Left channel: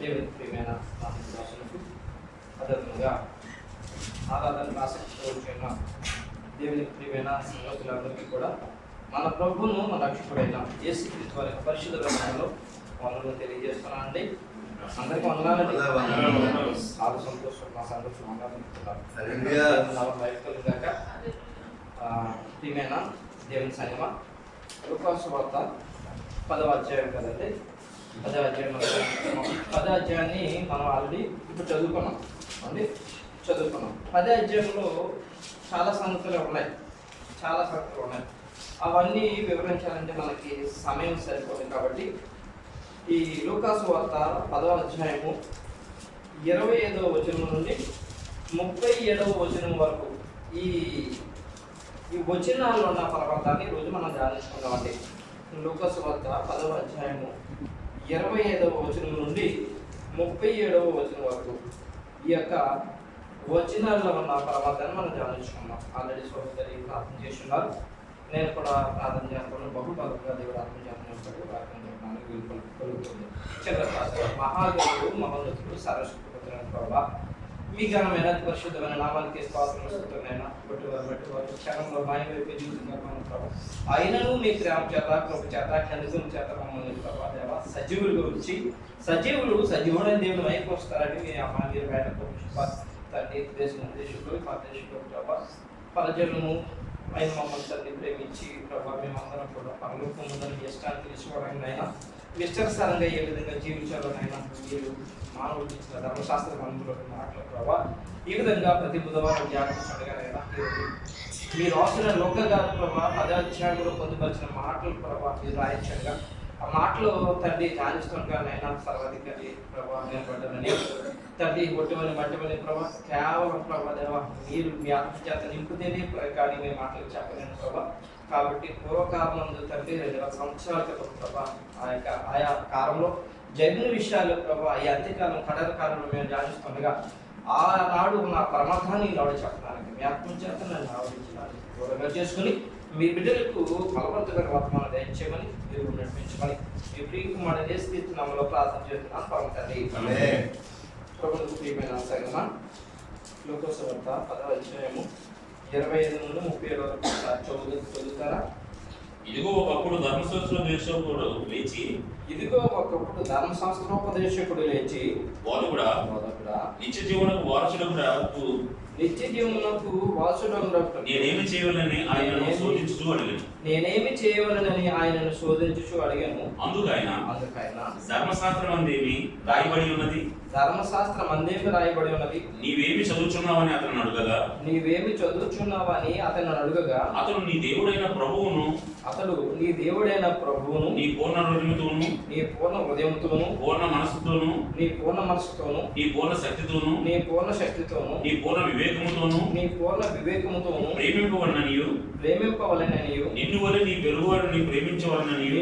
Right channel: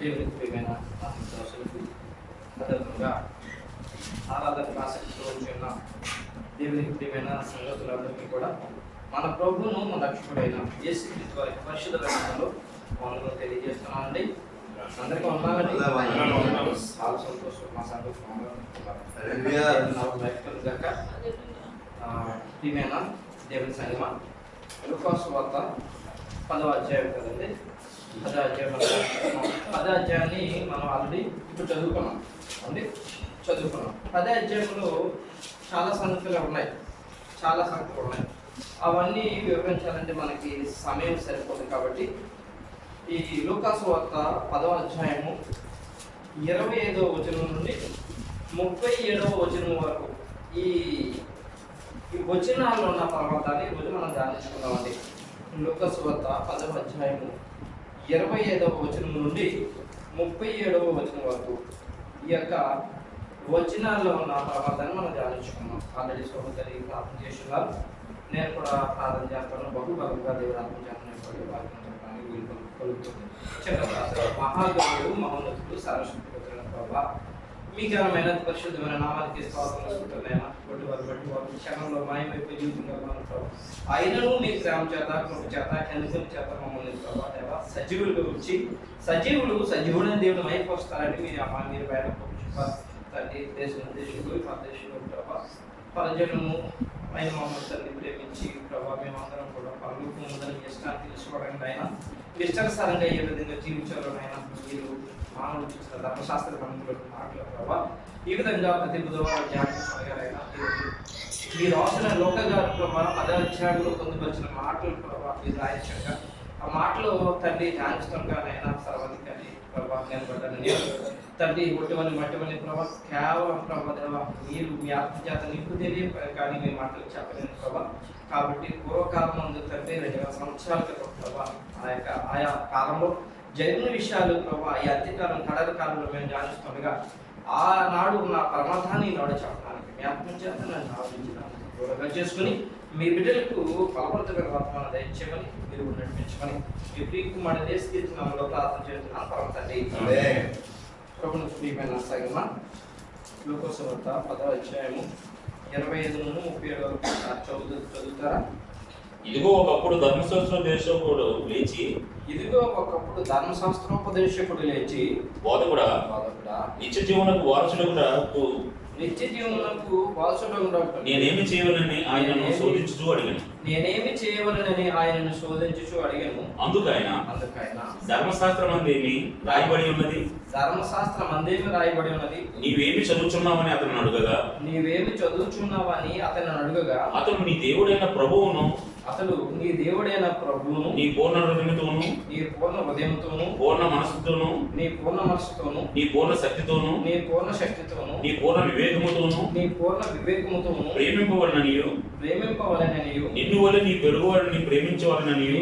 దేవునికి ప్రియమైన ఆశీర్వాదాలకు అదేవిధంగా ఆరాధనకు ఆసక్తితో వచ్చిన దేవునికి ప్రియమైన సంగతులందరికీ కూడా మన ప్రభువును మన రక్షకుడైన యేసుక్రీస్తు వారి పరిశుద్ధ నామములో వందనాలు తెలియజేస్తున్నానండి. అందరికీ వందనాలండి. చాలా సంతోషం, మా సంతోషం గాక. ప్రియమైన దేవుని సంగమ లూకాసు వార్త 10వ అధ్యాయం కదండి. 10వ అధ్యాయాన్ని మనం ఆల్రెడీ ఇప్పుడు చదువుకున్నాం. 10వ అధ్యాయంలో చాలా సంగతులు ఉన్నాయి. అవన్నీ వివరించాలంటే మనకి సమయం సరిపోదు. కాబట్టి ఈ లూకాసు వార్త 10వ అధ్యాయము 25వ వచనం నుండి 37వ వచనం వరకు ఈ వచనాల్లో ఉన్న పరమార్థాన్ని ఈరోజు మనం ధ్యానించుకుందామండి. లూకాసు వార్త 10వ అధ్యాయము 25వ వచనం నుండి 37వ వచనం వరకు ఈ యొక్క వచనాల్లో ఉన్న పరమార్థాన్ని మనం ధ్యానించుకున్నాం. ఆల్రెడీ సోదరి ప్రార్థన చేస్తున్నారు. నేను కూడా ప్రార్థన చేస్తాను. బహుబలంగా దేవుడు ఆత్మ చేతను వాక్యం చెప్పడానికి వీలు కలుగుతుంది. మహాగణుడు, మహోన్నతుడు, సర్వశక్తివంతుడైన ప్రభువా, మీ ఘనమైన పరిశుద్ధమైన నామానికి స్తోత్రమైన బట్టి వారు క్షణంలో మాయమైపోయి జీవితంలో ప్రభావ అయినను మీ ప్రేమ చేత, కృప చేత, కెందుకం చేత మమ్మల్ని ప్రభావ దేవ సజీవులుగా వచ్చి సజీవుడైన దేవుడు మైపోస్తారని మీరు బయట తండ్రి దేశంలో ప్రభావ ప్రజలను ఆయన మమ్మల్ని తల్లి ప్రేమించి ప్రభావ మేమందరం కూడా పరలోకం ఉందని మీ ఇష్టాన్ని తెలుసుకోవడానికి అయినా ఇష్టానుసారంగా ఏ విధంగా జీవించాలో అయినా మీరు మానవులు చూసిన ధర్మశాస్త్ర గ్రంథంలోకి మాటలు ప్రభావ ఈ విధంగా ప్రతి బుధవారం ధ్యానించగలైనా మీరు అవసరం లోక గారు ప్రభావ 10వ అధ్యాయంలో పొందుపరిచిన మాటలు ప్రభావ మీరు రాయించగా ఆ మాటలు తండ్రి ధ్యానిస్తుండగానైనా సర్వాధికారి ప్రభావ నిలబడ్డానని తండ్రి ఒట్టువని మట్టివని ప్రభావ కేవలం ప్రభావ దేవ మీరు మీ ఆత్మచేత నింపుతేనే కానీ మీ మాటలు చెప్పలేను ప్రభావ. కాబట్టి పూర్వకాలం నందు తండ్రి 2000 సంవత్సరాల క్రితం ప్రభావ ఆయా కాలంలో జరిగిన విషయాలు ప్రభావ ఈ అంత్యకాలం కడల కాలంలో మేము ధ్యానిస్తుండగా ఆనాడు ఉన్న పరమార్థాన్ని నాడు చెప్పడానికి మీ ఆత్మచేత నన్ను ఆలోచించడానికి గౌరవంగా చేసుకుని మీ బిడ్డలకు ఫలవంతమైన వర్తమానం దయచేయమని మీరు నడిపించమని మీ ప్రియకుమారుడు యేసుక్రీస్తు నామములో ప్రార్థన చేస్తున్నాను పరమ తండ్రి. ప్రభువుకు ప్రియమైన సంగమ లూకాసు వార్త 10వ అధ్యాయము 25 నుండి 37 వరకు చదువుతారా? ఇదిగో ఒకప్పుడు ధర్మశాస్త్రోపదేశకుడు లేచి బోధకుడా నిత్య జీవనకు వారసుడగుటకు నేనేమి చేయవలని ఆయనను శోధించుచు అడిగాను. అందుకైన ధర్మశాస్త్రం అందేమి రాయబడి ఉన్నది నీవేమి చదువుచున్నావని అతను అడుగగా అతడు నీ దేవుడైన ప్రభువును నీ పూర్ణ హృదయంతోను పూర్ణ మనసుతోను నీ పూర్ణ శక్తితోను నీ పూర్ణ వివేకముతోను ప్రేమింపవలననియు నిన్ను వలె నీ పొరుగువాడిని ప్రేమించవలననియు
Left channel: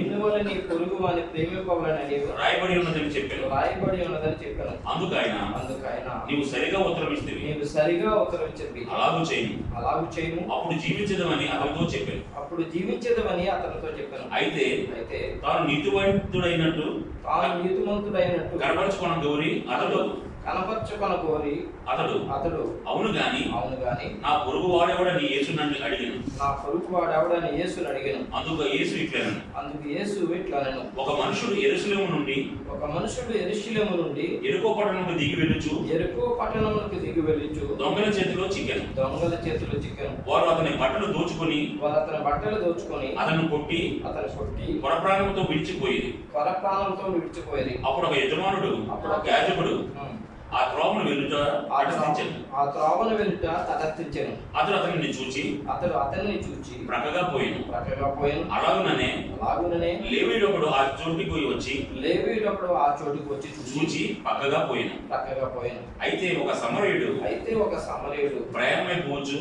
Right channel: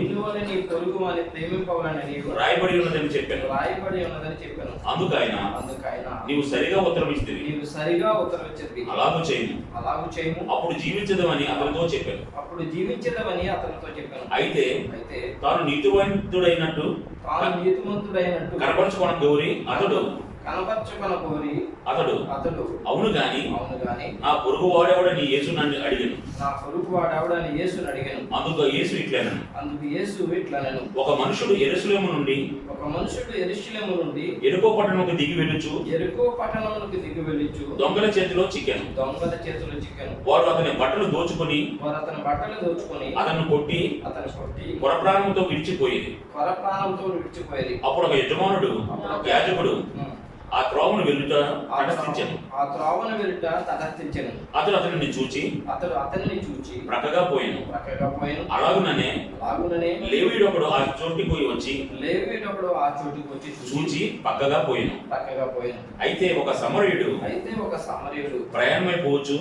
రాయబడి ఉన్నదని చెప్పాను. అందుకైన నీవు సరిగా ఉత్తరం ఇచ్చితివి. అలాగు చేయము అప్పుడు జీవించదమని అతనితో చెప్పాను. అయితే తాను నీతిమంతుడైనట్టు కనపరచుకోవడం గౌరి అతడు అవును గాని నా పొరుగు వాడెవడని యేసు నన్ను అడిగాను. అందుకు యేసు ఇట్లనెను ఒక మనుషుడు యెరూషలేము నుండి యెరికో పట్టణముకు దిగి వెళ్ళుచు దొంగల చేతిలో చిక్కెను. వారు అతని బట్టలు దోచుకొని అతను కొట్టి కొరప్రాణంతో విడిచిపోయేది. అప్పుడు ఒక యజమానుడు యాజకుడు ఆ త్రోవను వెళ్ళుట తటస్థించెను. అతడు అతనిని చూచి ప్రక్కగా పోయాను. అలాగుననే లేవీయుడు ఒకడు ఆ చోటికి వచ్చి చూచి పక్కగా పోయాను. అయితే ఒక సమరయుడు ప్రయాణమైపోవచ్చు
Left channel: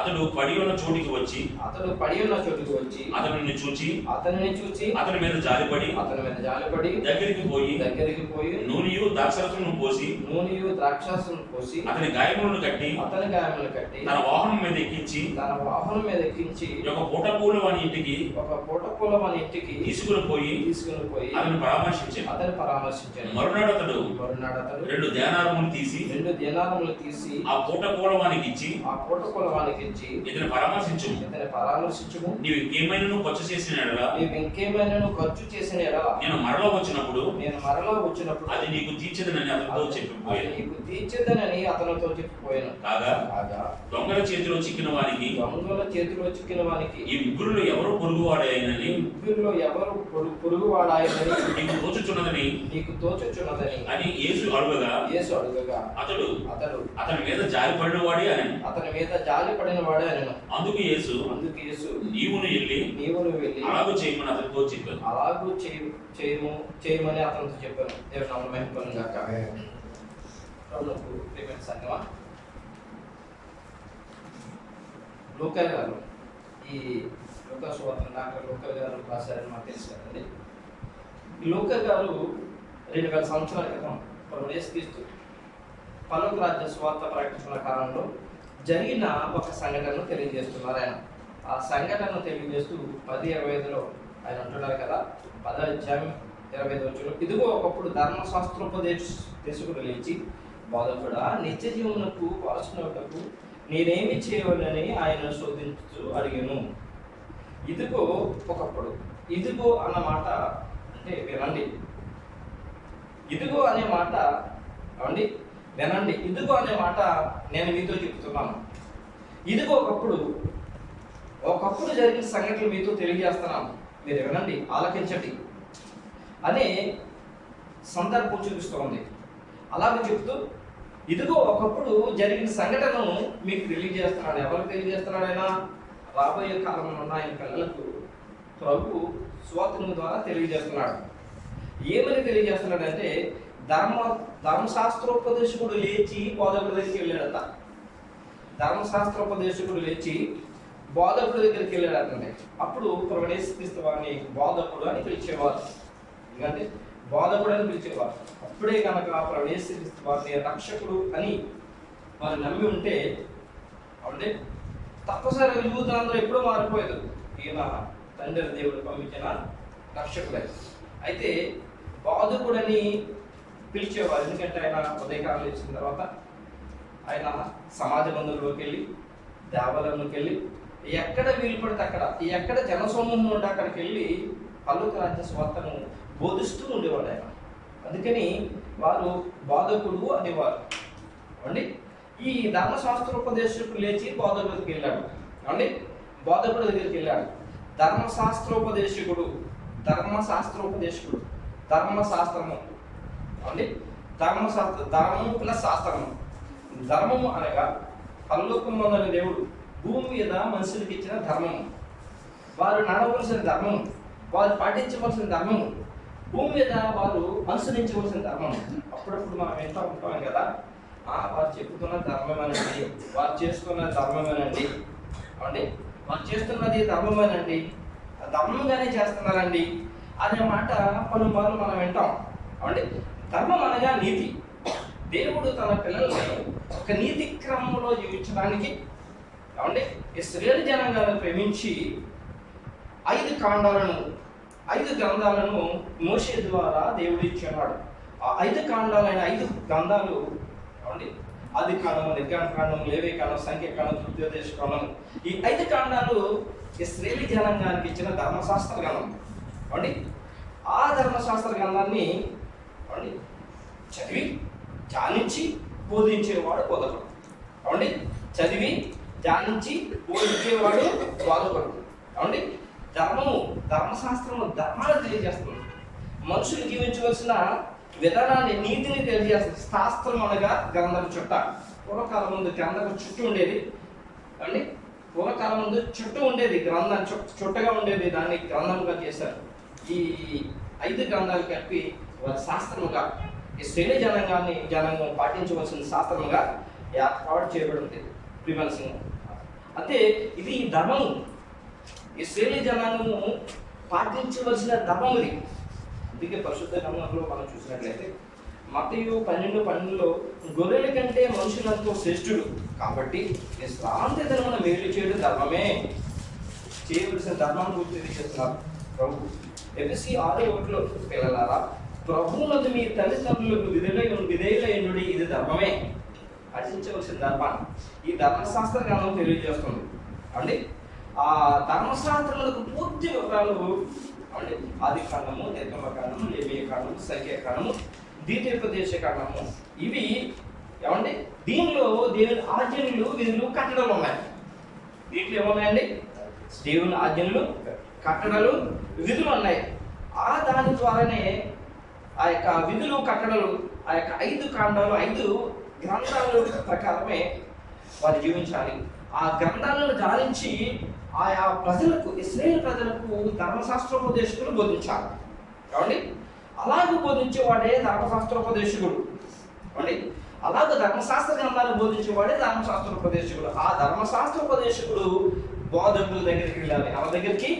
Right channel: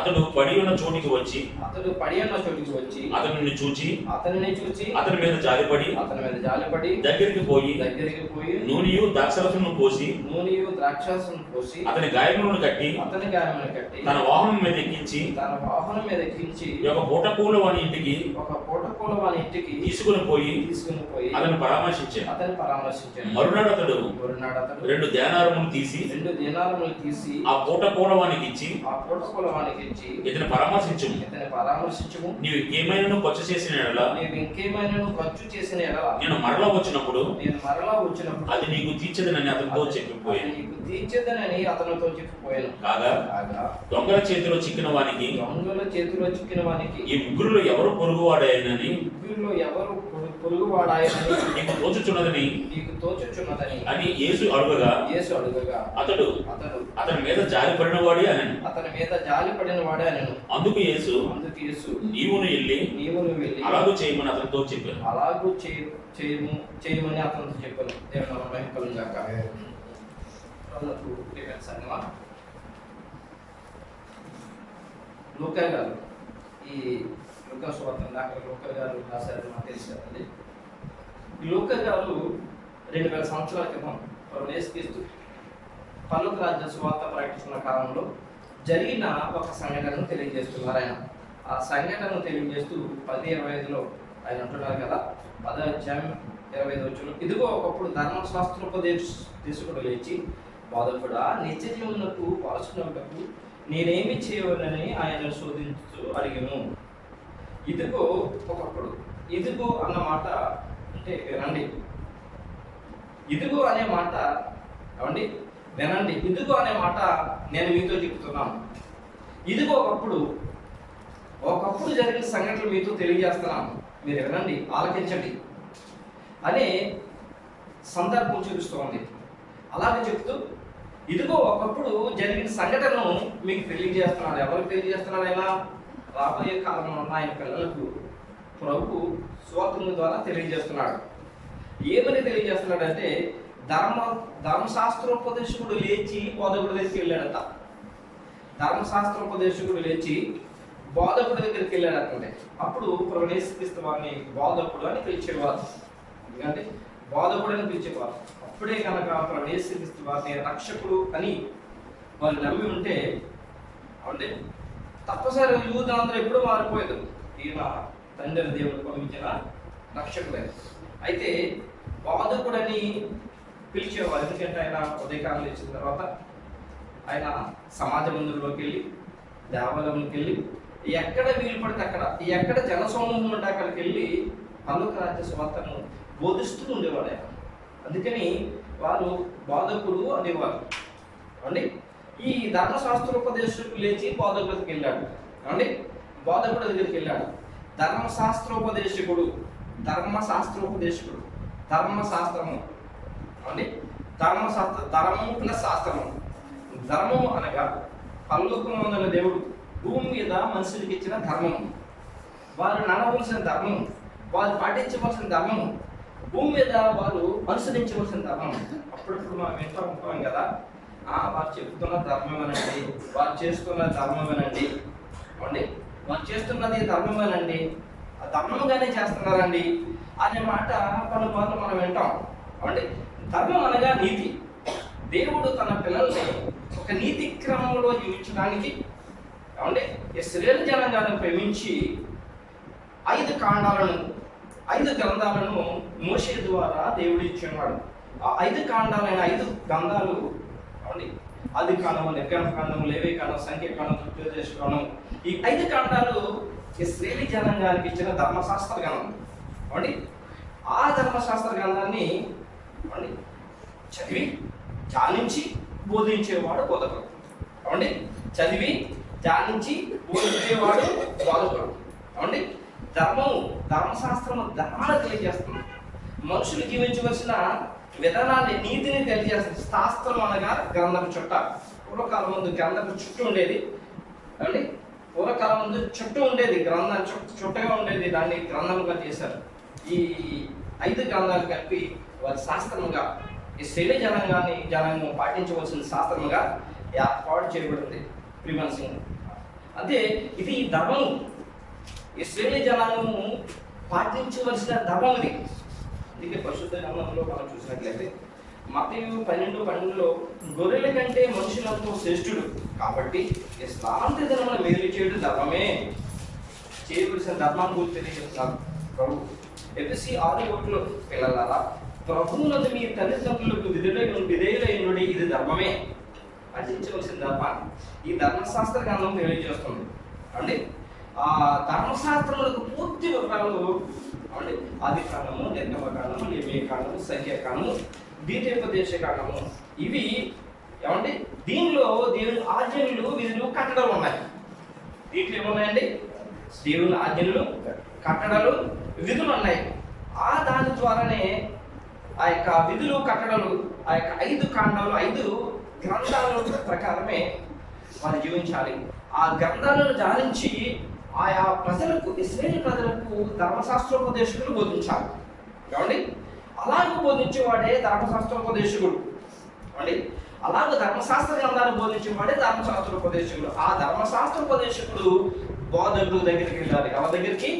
అతడు పడి ఉన్న చోటికి వచ్చి అతనిని చూచి అతని మీద జాలిపడి దగ్గరికి పోయి నూనెయు ద్రాక్షరసమును పోసి అతని గాయములను కట్టి తన వాహనం మీద ఎక్కించి ఒక పూటకూల వాని ఇంటికి తీసుకుని పోయి అతను పరామర్శించాడు. మరునాడు అతడు 2 దేనారములు తీసి ఆ పూటకూల వానికి ఇచ్చి ఇతని పరామర్శించుము, నీవు ఇంకేమైనా ఖర్చు చేసిన ఎడల నేను మరలా వచ్చినప్పుడు అది నీకు తీర్చదనని అతనితో చెప్పిపోయాను. కాగా దొంగల చేతిలో చిక్కిన వానికి ఈ ముగ్గురులో ఎవరు పొరుగువాడాయనని నీకు తోచుచున్నదని అని యేసు అడుగగా అతడు అతని మీద జాలిపడిన వాడే అని అందుకు యేసు నీవు వెళ్ళి అలాగూ చేయమని అతనితో చెప్పాను. చేయమని అతనితో చెప్పాను. దేవుని నామమున మహిమ కలుగును గాక. ప్రభువుకు ప్రియమైన సంగమా, లూకా గారు ఈ లూకా సువార్త డాక్టర్ లూకా గారు రాశారని మాకు తెలుసు కదండి. ఈ లూకా గారు 2000 సంవత్సరాల క్రితం ప్రభు యేసుక్రీస్తు పరలోక రాజ్య సువార్త ప్రకటిస్తున్న కాలంలో జరిగిన ఒక సంఘటనను తెలియజేస్తున్నారు ఆయన. ఆ సంఘటనను తెలియజేస్తూ 10:25లో ఆయన అంటున్నారు కదా, 10వ అధ్యాయం 25 వచనం, ఇదిగో ఒకప్పుడు ధర్మశాస్త్రోపదేశకుడు లేచి, బోధకుడా, నిత్య జీవమునకు వారసునకు నేనేమి చేయవలని ఆయన శోధించుతూ అడిగాను. ఇదిగో ఒకప్పుడు, ఇదిగో అన్న మాట అంటే వినండి, ఇదిగో అనే మాట ఏమండి వినండి, ఇదిగో అనే మాట నేను మీతో చెప్తున్నాను. ఇదిగో ఒకప్పుడు జరిగిన సంఘటనలు మీతో తెలియజేస్తున్నాను, మీరు వినండి, ఆలకించండి అనే సందర్భం చూపిస్తోంది. అలాగే చెప్తూ ఇదిగో ఒకప్పుడు జరిగిన సంఘటనను మీకు తెలియజేస్తున్నాడు. ఎవరికి తెలియజేస్తున్నాడు? ఆయన రాబోయే కాలంలో ఉన్న ఆయన పిల్లలకు ప్రభు సువార్త ద్వారా తెలియజేస్తున్నాడు. ఏమని తెలియజేస్తున్నాడంటే, ధర్మశాస్త్రోపదేశకుడు లేచి బోధకుడి దగ్గరికి వెళ్ళాడట. ధర్మశాస్త్రోపదేశకుడు లేచి బోధకుడి దగ్గరికి వెళ్ళాడటండి. అప్పుడు ప్రభు యేసుక్రీస్తు వారిని బోధకుడు అని పిలిచేవారు. ఎందుకంటే బోధకుడు అని పిలిచేవారు. అప్పుడే కనుక ప్రభు యేసుక్రీస్తు వారిని రక్షకుడు అని వారు నమ్మి ఉంటే అంటే తప్పనిసరి యూదులందరూ ఎప్పుడూ మారిపోయేది. ఈయన తండ్రి దేవుడు పంపించిన రక్షకుడే. అయితే బోధకుడని పిలిచేవారు. ఎందుకంటే ఆయన ఉదయకాలం ఇచ్చిన తర్వాత ఆయన సమాజ మందిరంలోకి వెళ్ళి, దేవాలయంలోకి వెళ్ళి, ఎక్కడ వీలు పడితే అక్కడ, ఎక్కడ జనసమూహం ఉంటే అక్కడికి వెళ్ళి పరలోక రాజ్య సువార్తను బోధిస్తూ ఉండేవాడు ఆయన. అందుకని వారు బోధకుడు అనేవారు. అండి ఈ ధర్మశాస్త్రోపదేశకుడు లేచి బోధకుడి దగ్గరికి వెళ్ళాడు. అండి బోధకుడి దగ్గరికి వెళ్ళాడు. ధర్మశాస్త్రోపదేశకుడు ధర్మశాస్త్రము అండి ధర్మము ప్లస్ శాస్త్రము. ధర్మము అనగా పరలోకమందున్న దేవుడు భూమి మీద మనుషులకి ఇచ్చిన ధర్మము, వారు నడవలసిన ధర్మము, వారు పాటించవలసిన ధర్మము, భూమి మీద వారు అనుసరించవలసిన ధర్మం. అప్పుడప్పుడు మనం వింటూ ఉంటాం కదా, వారు చెప్తున్న ధర్మమేనండి, వారు చేస్తున్న ధర్మమేనండి, అండి వారు చేస్తున్నది ధర్మమేనండి, ఆ ధర్మంగానే చేస్తున్నారండి అనే మాట పలుమార్లు మనం వింటాం. అండి ధర్మం అనగా నీతి. దేవుడు తన పిల్లల్ని ఒక నీతి క్రమంలో జీవించడానికి అంటే ఇశ్రాయేలు జనాంగాన్ని ప్రేమించి 5 కాండాలను 5 గ్రంథాలను మోషే ద్వారా దేవుడు ఇచ్చున్నాడు. ఆ 5 కాండాలైన 5 గ్రంథాలు అండి ఆదికాండము, నిర్గమకాండము, లేవీకాండము, సంఖ్యాకాండము, ధృతోపదేశకాండము, ఈ 5 కాండాలు ఇశ్రాయేలు జనాంగానికి ఇచ్చిన ధర్మశాస్త్ర గ్రంథం. అండి ఆ ధర్మశాస్త్ర గ్రంథాన్ని అండి చదివి ధ్యానించి బోధించేవాడు బోధకుడు. అండి చదివి ధ్యానించి బోధించేవాడు బోధకుడు. అండి ధర్మశాస్త్రము ధర్మాన్ని తెలియజేస్తుంది. మనుషులు జీవించవలసిన విధానాన్ని, నీతిని తెలియజేస్తుంది. శాస్త్రం అనగా గ్రంథం చుట్ట. పూర్వకాలం ముందు గ్రంథం చుట్టూ ఉండేది. అండి పూర్వకాలం ముందు చుట్టూ ఉండేది, గ్రంథం చుట్టగా ఉండేది, దాన్ని గ్రంథముగా చేశారు. ఈ 5 గ్రంథాలు కలిపి వారి శాస్త్రముగా ఈ శైలి జనాంగం పాటించవలసిన శాస్త్రముగా ఏర్పాటు చేయబడింది. ప్రివెన్సింగ్ అంటే ఇది ధర్మము, ఇశ్రాయేలు జనాంగము పాటించవలసిన ధర్మం ఇది. అందుకే పరిశుద్ధ గ్రంథంలో మనం చూసినట్లయితే మత్తయి 12:12 గొర్రెల కంటే మనుషులంతో శ్రేష్ఠుడు కాబట్టి విశ్రాంతి దినమున మేలు చేయడం ధర్మమే, చేయవలసిన ధర్మాన్ని గురించి తెలియజేస్తున్నారు ప్రభు. ఎఫెసీ 6:1 పిల్లలారా ప్రభువునందు మీ తల్లిదండ్రులకు విధేయులైనడి, ఇది ధర్మమే, పాటించవలసిన ధర్మాన్ని ఈ ధర్మశాస్త్ర గ్రంథం తెలియజేస్తుంది అండి. ఆ ధర్మశాస్త్రములకు పూర్తి వివరాలు అంటే ఆది కాండము, నిర్గమకాండము, లేవియ కాండము, సంఖ్యాకాండము, ద్వితీయోపదేశ కాండము, ఇవి ఏమంటే దీనిలో దేవుని ఆజ్ఞలు, విధులు, కట్టడలు ఉన్నాయి. దీంట్లో ఏమున్నాయండి? దేవుని ఆజ్ఞలు, కట్టడలు, విధులు ఉన్నాయి. ఆ దాని ద్వారానే ఆ యొక్క విధులు, కట్టడలు, ఆ యొక్క 5 కాండాలు, 5 గ్రంథాల ప్రకారమే వారు జీవించాలి. ఆ గ్రంథాలను ధ్యానించి ఆయా ప్రజలకు, ఇశ్రాయేలు ప్రజలకు ధర్మశాస్త్రోపదేశకులు బోధించాలి. ఏమండి? అలాగూ బోధించేవాడే ధర్మశాస్త్రోపదేశకుడు అండి. అలాగే ధర్మశాస్త్ర గ్రంథాన్ని బోధించేవాడే ధర్మశాస్త్రోపదేశకుడు. ఆ ధర్మశాస్త్రోపదేశకుడు బోధకుల దగ్గరికి వెళ్ళాలి. ఎవరి దగ్గరికి?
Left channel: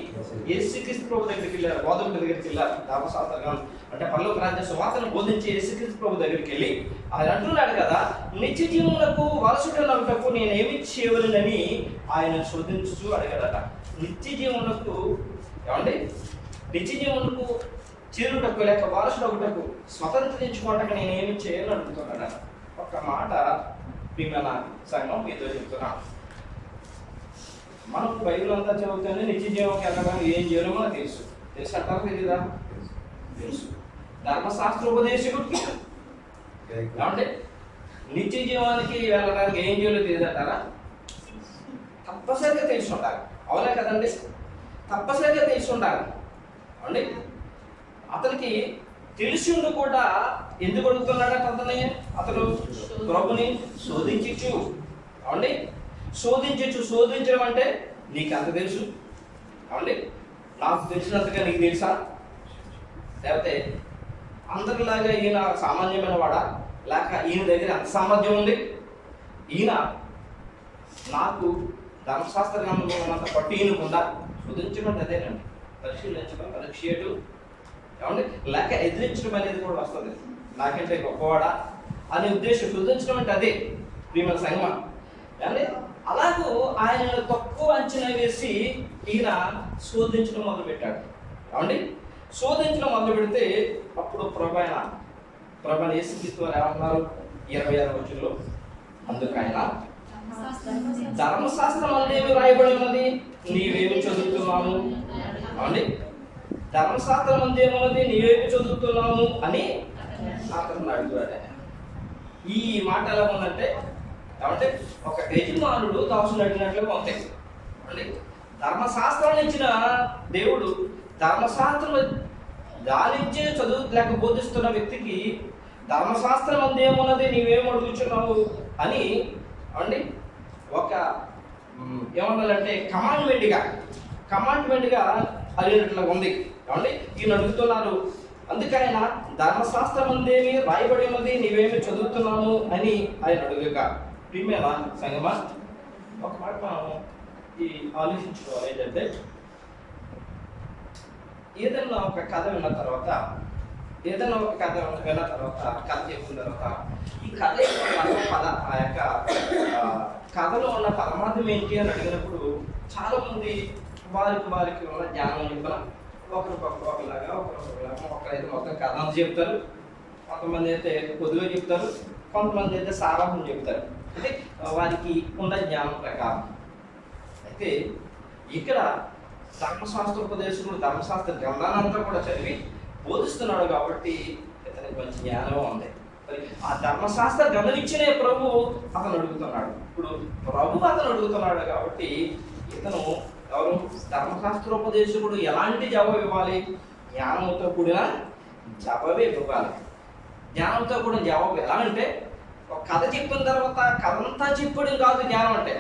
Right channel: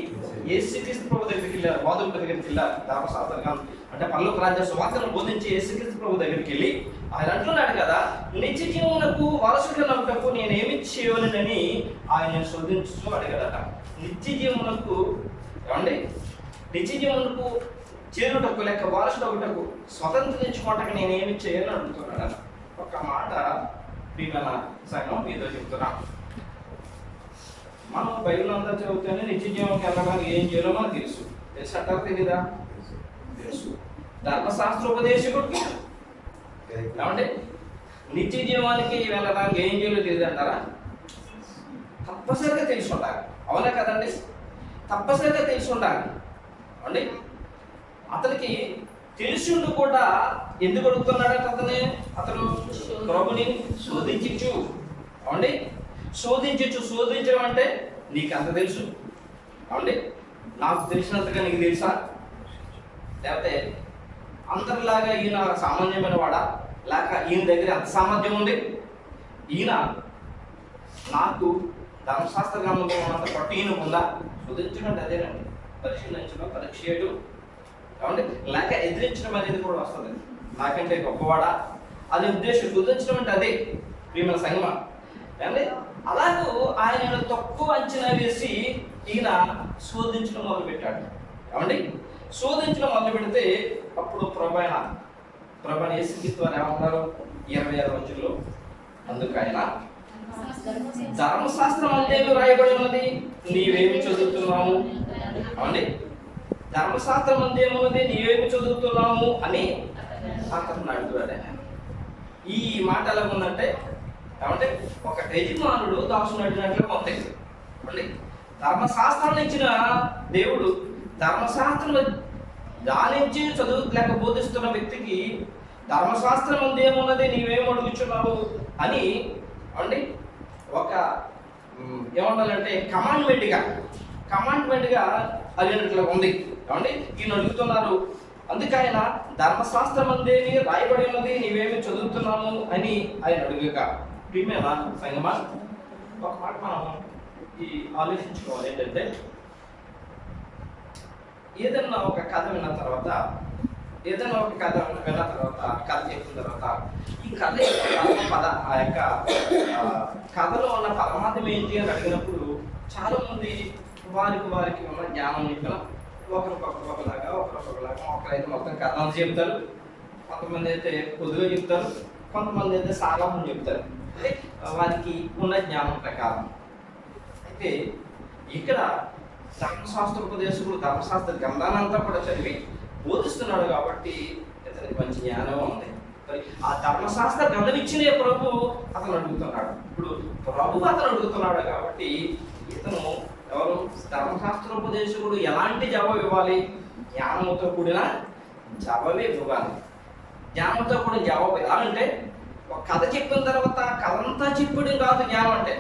యేసుక్రీస్తు ప్రభు దగ్గరికి వెళ్ళారు. బోధకుల దగ్గరికి వెళ్ళాలి. ధర్మశాస్త్ర గ్రంథం అంటే పరలోక రాజ్య సువార్తను బోధించే యేసుక్రీస్తు ప్రభు దగ్గరికి వెళ్ళి ఆయన అంటున్నాడు కదా, నిత్య జీవమునకు వారసుడనగుటకు నేనేమి చేయవలెనని ఆయన శోధించుచు అడిగాడట. నిత్య జీవమునకు ఏమండి? నిత్య జీవమునకు చేరుటకు లేక వారసుడొకటకు స్వతంత్రించుకోవటకు నేనేమి చేయాలని అడుగుతున్నాడు. ఒక్క మాట ప్రియమైన సంఘం మీతో చెప్తున్నాం. మనం బైబిల్ అంతా చదివితేనే నిత్య జీవంకి వెళ్ళడానికి ఏం చేయాలో మనకు తెలుసు అంటారు, తెలీదా? తెలుసు. ధర్మశాస్త్రోపదేశకుడికి ఏమంటే నిత్య జీవానికి వెళ్ళడానికి ఏం చేయాలో తెలియదు అంటారా? తప్పనిసరిగా తెలిసి ఉండాలి. అవునా కదండి? తప్పనిసరిగా తెలిసి ఉండాలి అండి. అతనికి తెలిసి ఉండి కూడా ఎందుకు అడుగుతున్నాడట? అతను ప్రభుని శోధించు అవండి. శోధించడం అంటే నీకు అంత తెలుసు అవండి, నాకు తెలిసినంతగా నీకు తెలుసా? లేకపోతే అందరిలాగా ఈయన సామాన్యమైన వాడా, లేక ఈయన దగ్గర అంత సామర్థ్యం ఉంది? ఈయన నాకు ధర్మశాస్త్ర గ్రంథంలో ఉన్నంత పట్టు ఈయన ఉందా? శోధించడం అదేనండి, పరిశీలించడం, పరీక్ష చేయడం ఏమండి, లేక ఎదిరించడం అనేది కూడా వస్తుంది. నాకంటే గొప్పవాడా అనే ఉద్దేశం. శోధించడం అంటే అదే ప్రియమైన సంగమం అంటే. అలాగూ ఆయనను తక్కువ అంచనా వేసి ఈయన శోధించడం మొదలుపెట్టాడు. ఏమండి? శోధించడం మొదలు పెడితే అప్పుడు ప్రభు యేసుక్రీస్తు వారు ఏమన్నారు? 26వ వచనంలో అందుకు ఆయన ధర్మశాస్త్రం అందేమి రాయబడి ఉన్నది, నీవేమి చదువుతున్నాము అవండి. ధర్మశాస్త్రం అందేమున్నది, నీవేమి చదువుతున్నాము అని అతను అడుగుతాడు. ఈ మాట ఎలా ఉందంటే ఏమంటే ఒక యజమానుడు దాసుని అడిగినట్లుగా ఉంది అండి. ధర్మశాస్త్రాన్ని ఇచ్చిన దేవుడు ధర్మశాస్త్రం ధ్యానించి చదువు లేక బోధిస్తున్న వ్యక్తికి ధర్మశాస్త్రం అందేమున్నది, నీవేం అడుగుచున్నావు అని అండి ఒక ఏమన్నాలంటే కమాండ్మెంట్గా అడిగినట్లుగా ఉంది ఏమండి. ఈయన అడుగుతున్నారు. అందుకైన ధర్మశాస్త్రం అందేమి రాయబడి ఉన్నది, నీవేమి చదువుతున్నాము అని ఆయన అడుగుక. ప్రియమైన సంగమా, ఒక మాట మనం ఈ ఆలోచించుకోవాలి. ఏంటంటే ఏదన్నా ఒక కథ విన్న తర్వాత కథ చెప్పిన తర్వాత ఈ కథ ఆ యొక్క కథలో ఉన్న పరమార్థం ఏంటి అని అడిగినప్పుడు చాలా మంది వారికి ఉన్న జ్ఞానం చెప్పిన ఒకరికొకలాగా ఒకరైతే మొత్తం కథ అంతా చెప్తారు, కొంతమంది అయితే పొద్దుగా చెప్తారు, కొంతమంది అయితే సారాంశం చెప్తారు. అంటే వారికి ఉన్న జ్ఞానం ప్రకారం. అయితే ఇక్కడ ధర్మశాస్త్రోపదేశకుడు ధర్మశాస్త్ర గ్రంథాన్ని అంతా కూడా చదివి బోధిస్తున్నాడు కాబట్టి ఇతనికి మంచి జ్ఞానం ఉంది. మరి ఆ ధర్మశాస్త్ర గ్రంథం ఇచ్చిన ప్రభు అతను అడుగుతున్నాడు. ఇప్పుడు ప్రభు అతను అడుగుతున్నాడు కాబట్టి ఇతను ఎవరు? ధర్మశాస్త్రోపదేశకుడు ఎలాంటి జవాబు ఇవ్వాలి? జ్ఞానంతో కూడిన జవాబే ఇవ్వాలి. జ్ఞానంతో కూడిన జవాబు ఎలా అంటే, ఒక కథ చెప్పిన తర్వాత కథంతా చెప్పడం కాదు జ్ఞానం అంటే.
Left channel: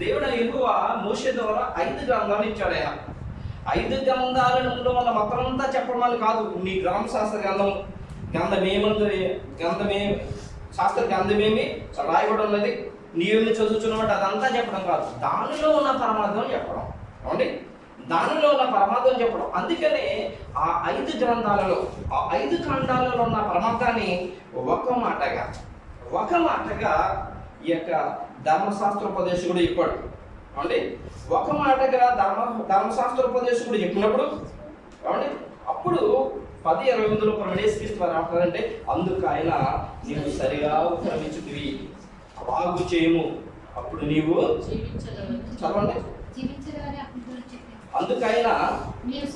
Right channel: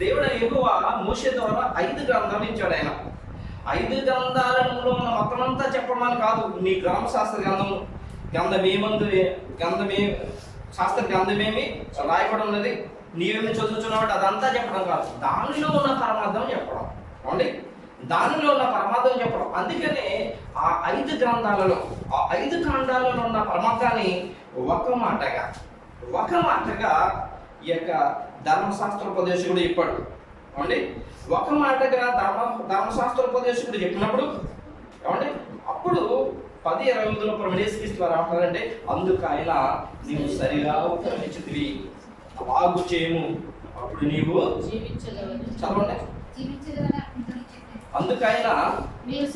దేవుడు యెహోవా మోషే ద్వారా 5 గ్రంథాలు ఇచ్చాడు. ఆయన 5 గ్రంథాలలో ఉన్న మొత్తం అంతా చెప్పమని కాదు. నీ గ్రామశాస్త్ర గ్రంథమేమి శాస్త్ర గ్రంథమేమి రాయబడి ఉన్నది, నీవేమి చదువుతున్నావు అదంతా చెప్పడం కాదు, దానిలో ఉన్న పరమార్థం చెప్పడం. అవునండి, దానిలో ఉన్న పరమార్థం చెప్పడం. అందుకనే ఆ 5 గ్రంథాలలో, ఆ 5 ఖండాలలో ఉన్న పరమార్థాన్ని ఒక మాటగా ఈ యొక్క ధర్మశాస్త్రోపదేశకుడు చెప్పాడు. అవునండి, ఒక మాటగా ధర్మశాస్త్రోపదేశకుడు చెప్పినప్పుడు ఏమండి, అప్పుడు 10:28లో ప్రమేశ్వరిస్తూ వారు ఏమంటారంటే, అందుకు ఆయన నీవు సరిగా ఉత్తరమిచ్చితివి, అలాగు చేయము, అప్పుడు నీవు చదవండి. అందుకైనా నీవు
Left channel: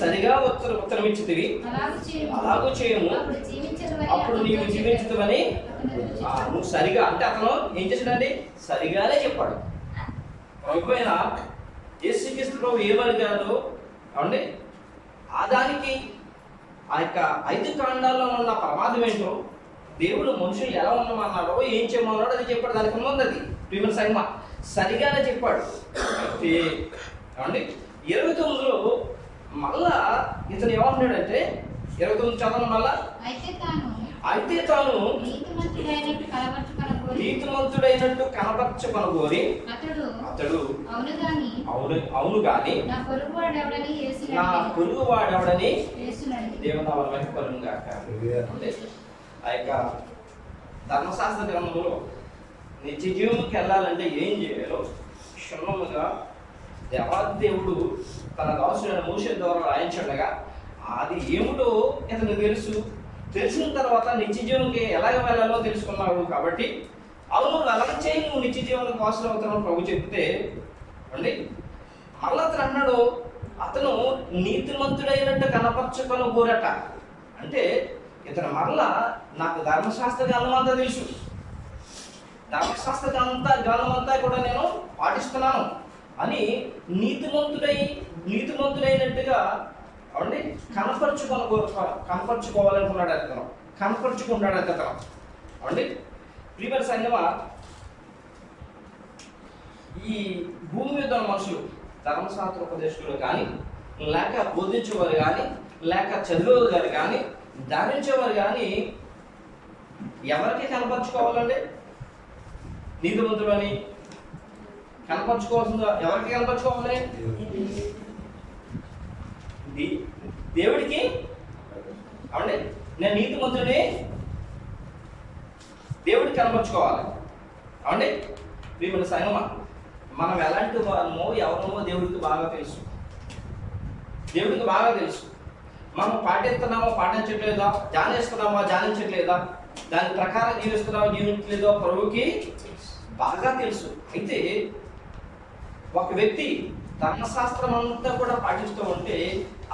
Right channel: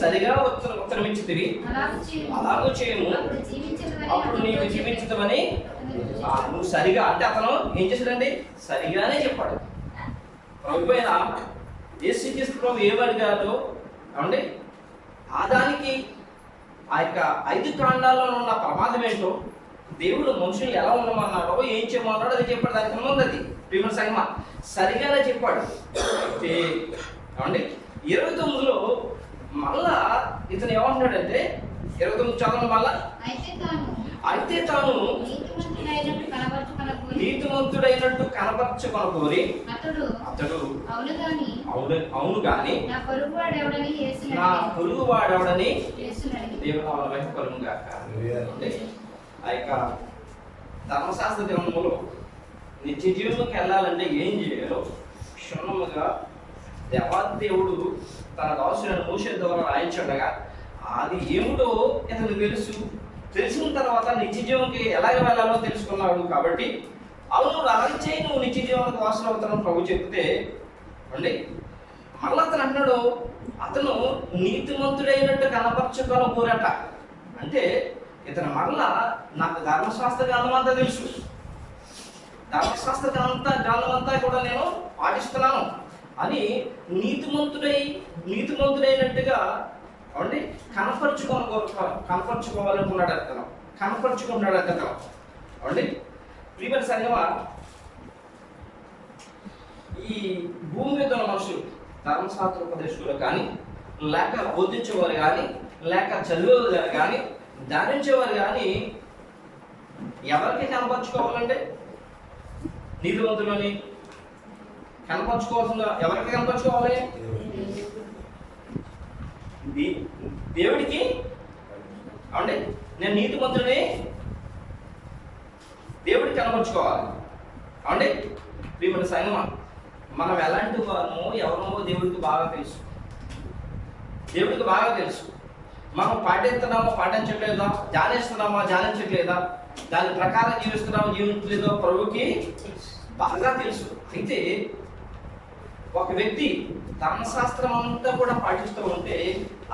సరిగా ఉత్తరమిచ్చితివి, అలాగూ చేయము, అప్పుడు నీవు జీవించుతావని. నువ్వు సరిగా అంటే అతను ఏం చేశాడండి, సరిగానే చెప్పాడు. ప్రభు అయిన యేసుక్రీస్తు ప్రభు ఏమడిగాడు ఏమండి, ఆ దానికి ఆ యొక్క 5 కాండాల్లో ఉన్న ప్రమాదం ఏంటో, దేవుడు మనుషులు ఎలా ఉండమన్నాడో, ఏం చేయమన్నాడో అది చెప్పాడు. దానికి ముందు అది ప్రియమైన సంగమా సరిగానే చెప్పాడు. అయితే ఏమండి 29లో మళ్ళా ఇతను ఏమంటున్నాడంటే, 29 చదవండి మళ్ళా. అయితే తాను నీతిమంతుడైనట్టు కనపరచుకొనగోరి అతడు అవును గాని నా పొరుగువాడెవడని దేవునామమే కలుగును గాక. ఆ యొక్క ధర్మశాస్త్ర గ్రంథంలో నిత్య జీవనకి వెళ్ళాలంటే ఏం చేయాలో క్షుణ్ణముగా దేవాదేవుడు తన దాసుడైన మోషే ద్వారా రాయించుండగా అది ఏమిటో ఇతను తెలిసిన తర్వాత నిత్య జీవనకి ఎలాగ వెళ్ళాలో తెలుసుకున్నాడు. కాబట్టి అవును అలాగే చేయి, నువ్వు నిత్య జీవనకు వాసులు అవుతానని ప్రభు చెప్తే అండి, మళ్ళీ అతను అంటున్నాడు, అతను నీతిమంతుడైనట్టు కనపరచుకొనగోరట. అంటే ఇతను మరలా నాకు ధర్మశాస్త్ర గ్రంథం అంతా తెలుసు, ధర్మశాస్త్ర గ్రంథం అంతా కూడా నేను పాటిస్తున్నాను అని నీతిమంతుడైనట్టుగా అవండి కనపరుచుకోవాలనుకున్నాడు అతను, కనపరుచుకుంటున్నాడు అతను. అవండి ప్రియమైన సంగమా, ఈ భూమి మీద ఉన్న మనుషులు ధర్మశాస్త్రోపదేశకులు కానీ, లేక బోధించేవారు కానీ, లేక చదివేవారు కానీ, ధ్యానించేవారు కానీ ఎవరికి కనపరుచుకోవాలంటే నీతిమంతులని కనపరుచుకోవాల్సిందా? ఎవరికి కనపరుచుకోవాలి? దేవుడికి. అవండి నేను నీతిమంతుడిని దేవుడికి కనపరుచుకోవాలి. అవండి ప్రియమైన సంగమా, మనం ఎలాంటి వారమో ఎవరమో దేవుడికి బాగా తెలుసు, దేవుడికి బాగా తెలుసు. మనం పాటిస్తున్నామో పాటించట్లేదా, ధ్యానిస్తున్నామా ధ్యానించట్లేదా, దాని ప్రకారం జీవిస్తున్నామో జీవించలేదో ప్రభుకి బాగా తెలుసు. అయితే ఒక వ్యక్తి ధర్మశాస్త్రం అంతా కూడా పాటిస్తూ ఉంటే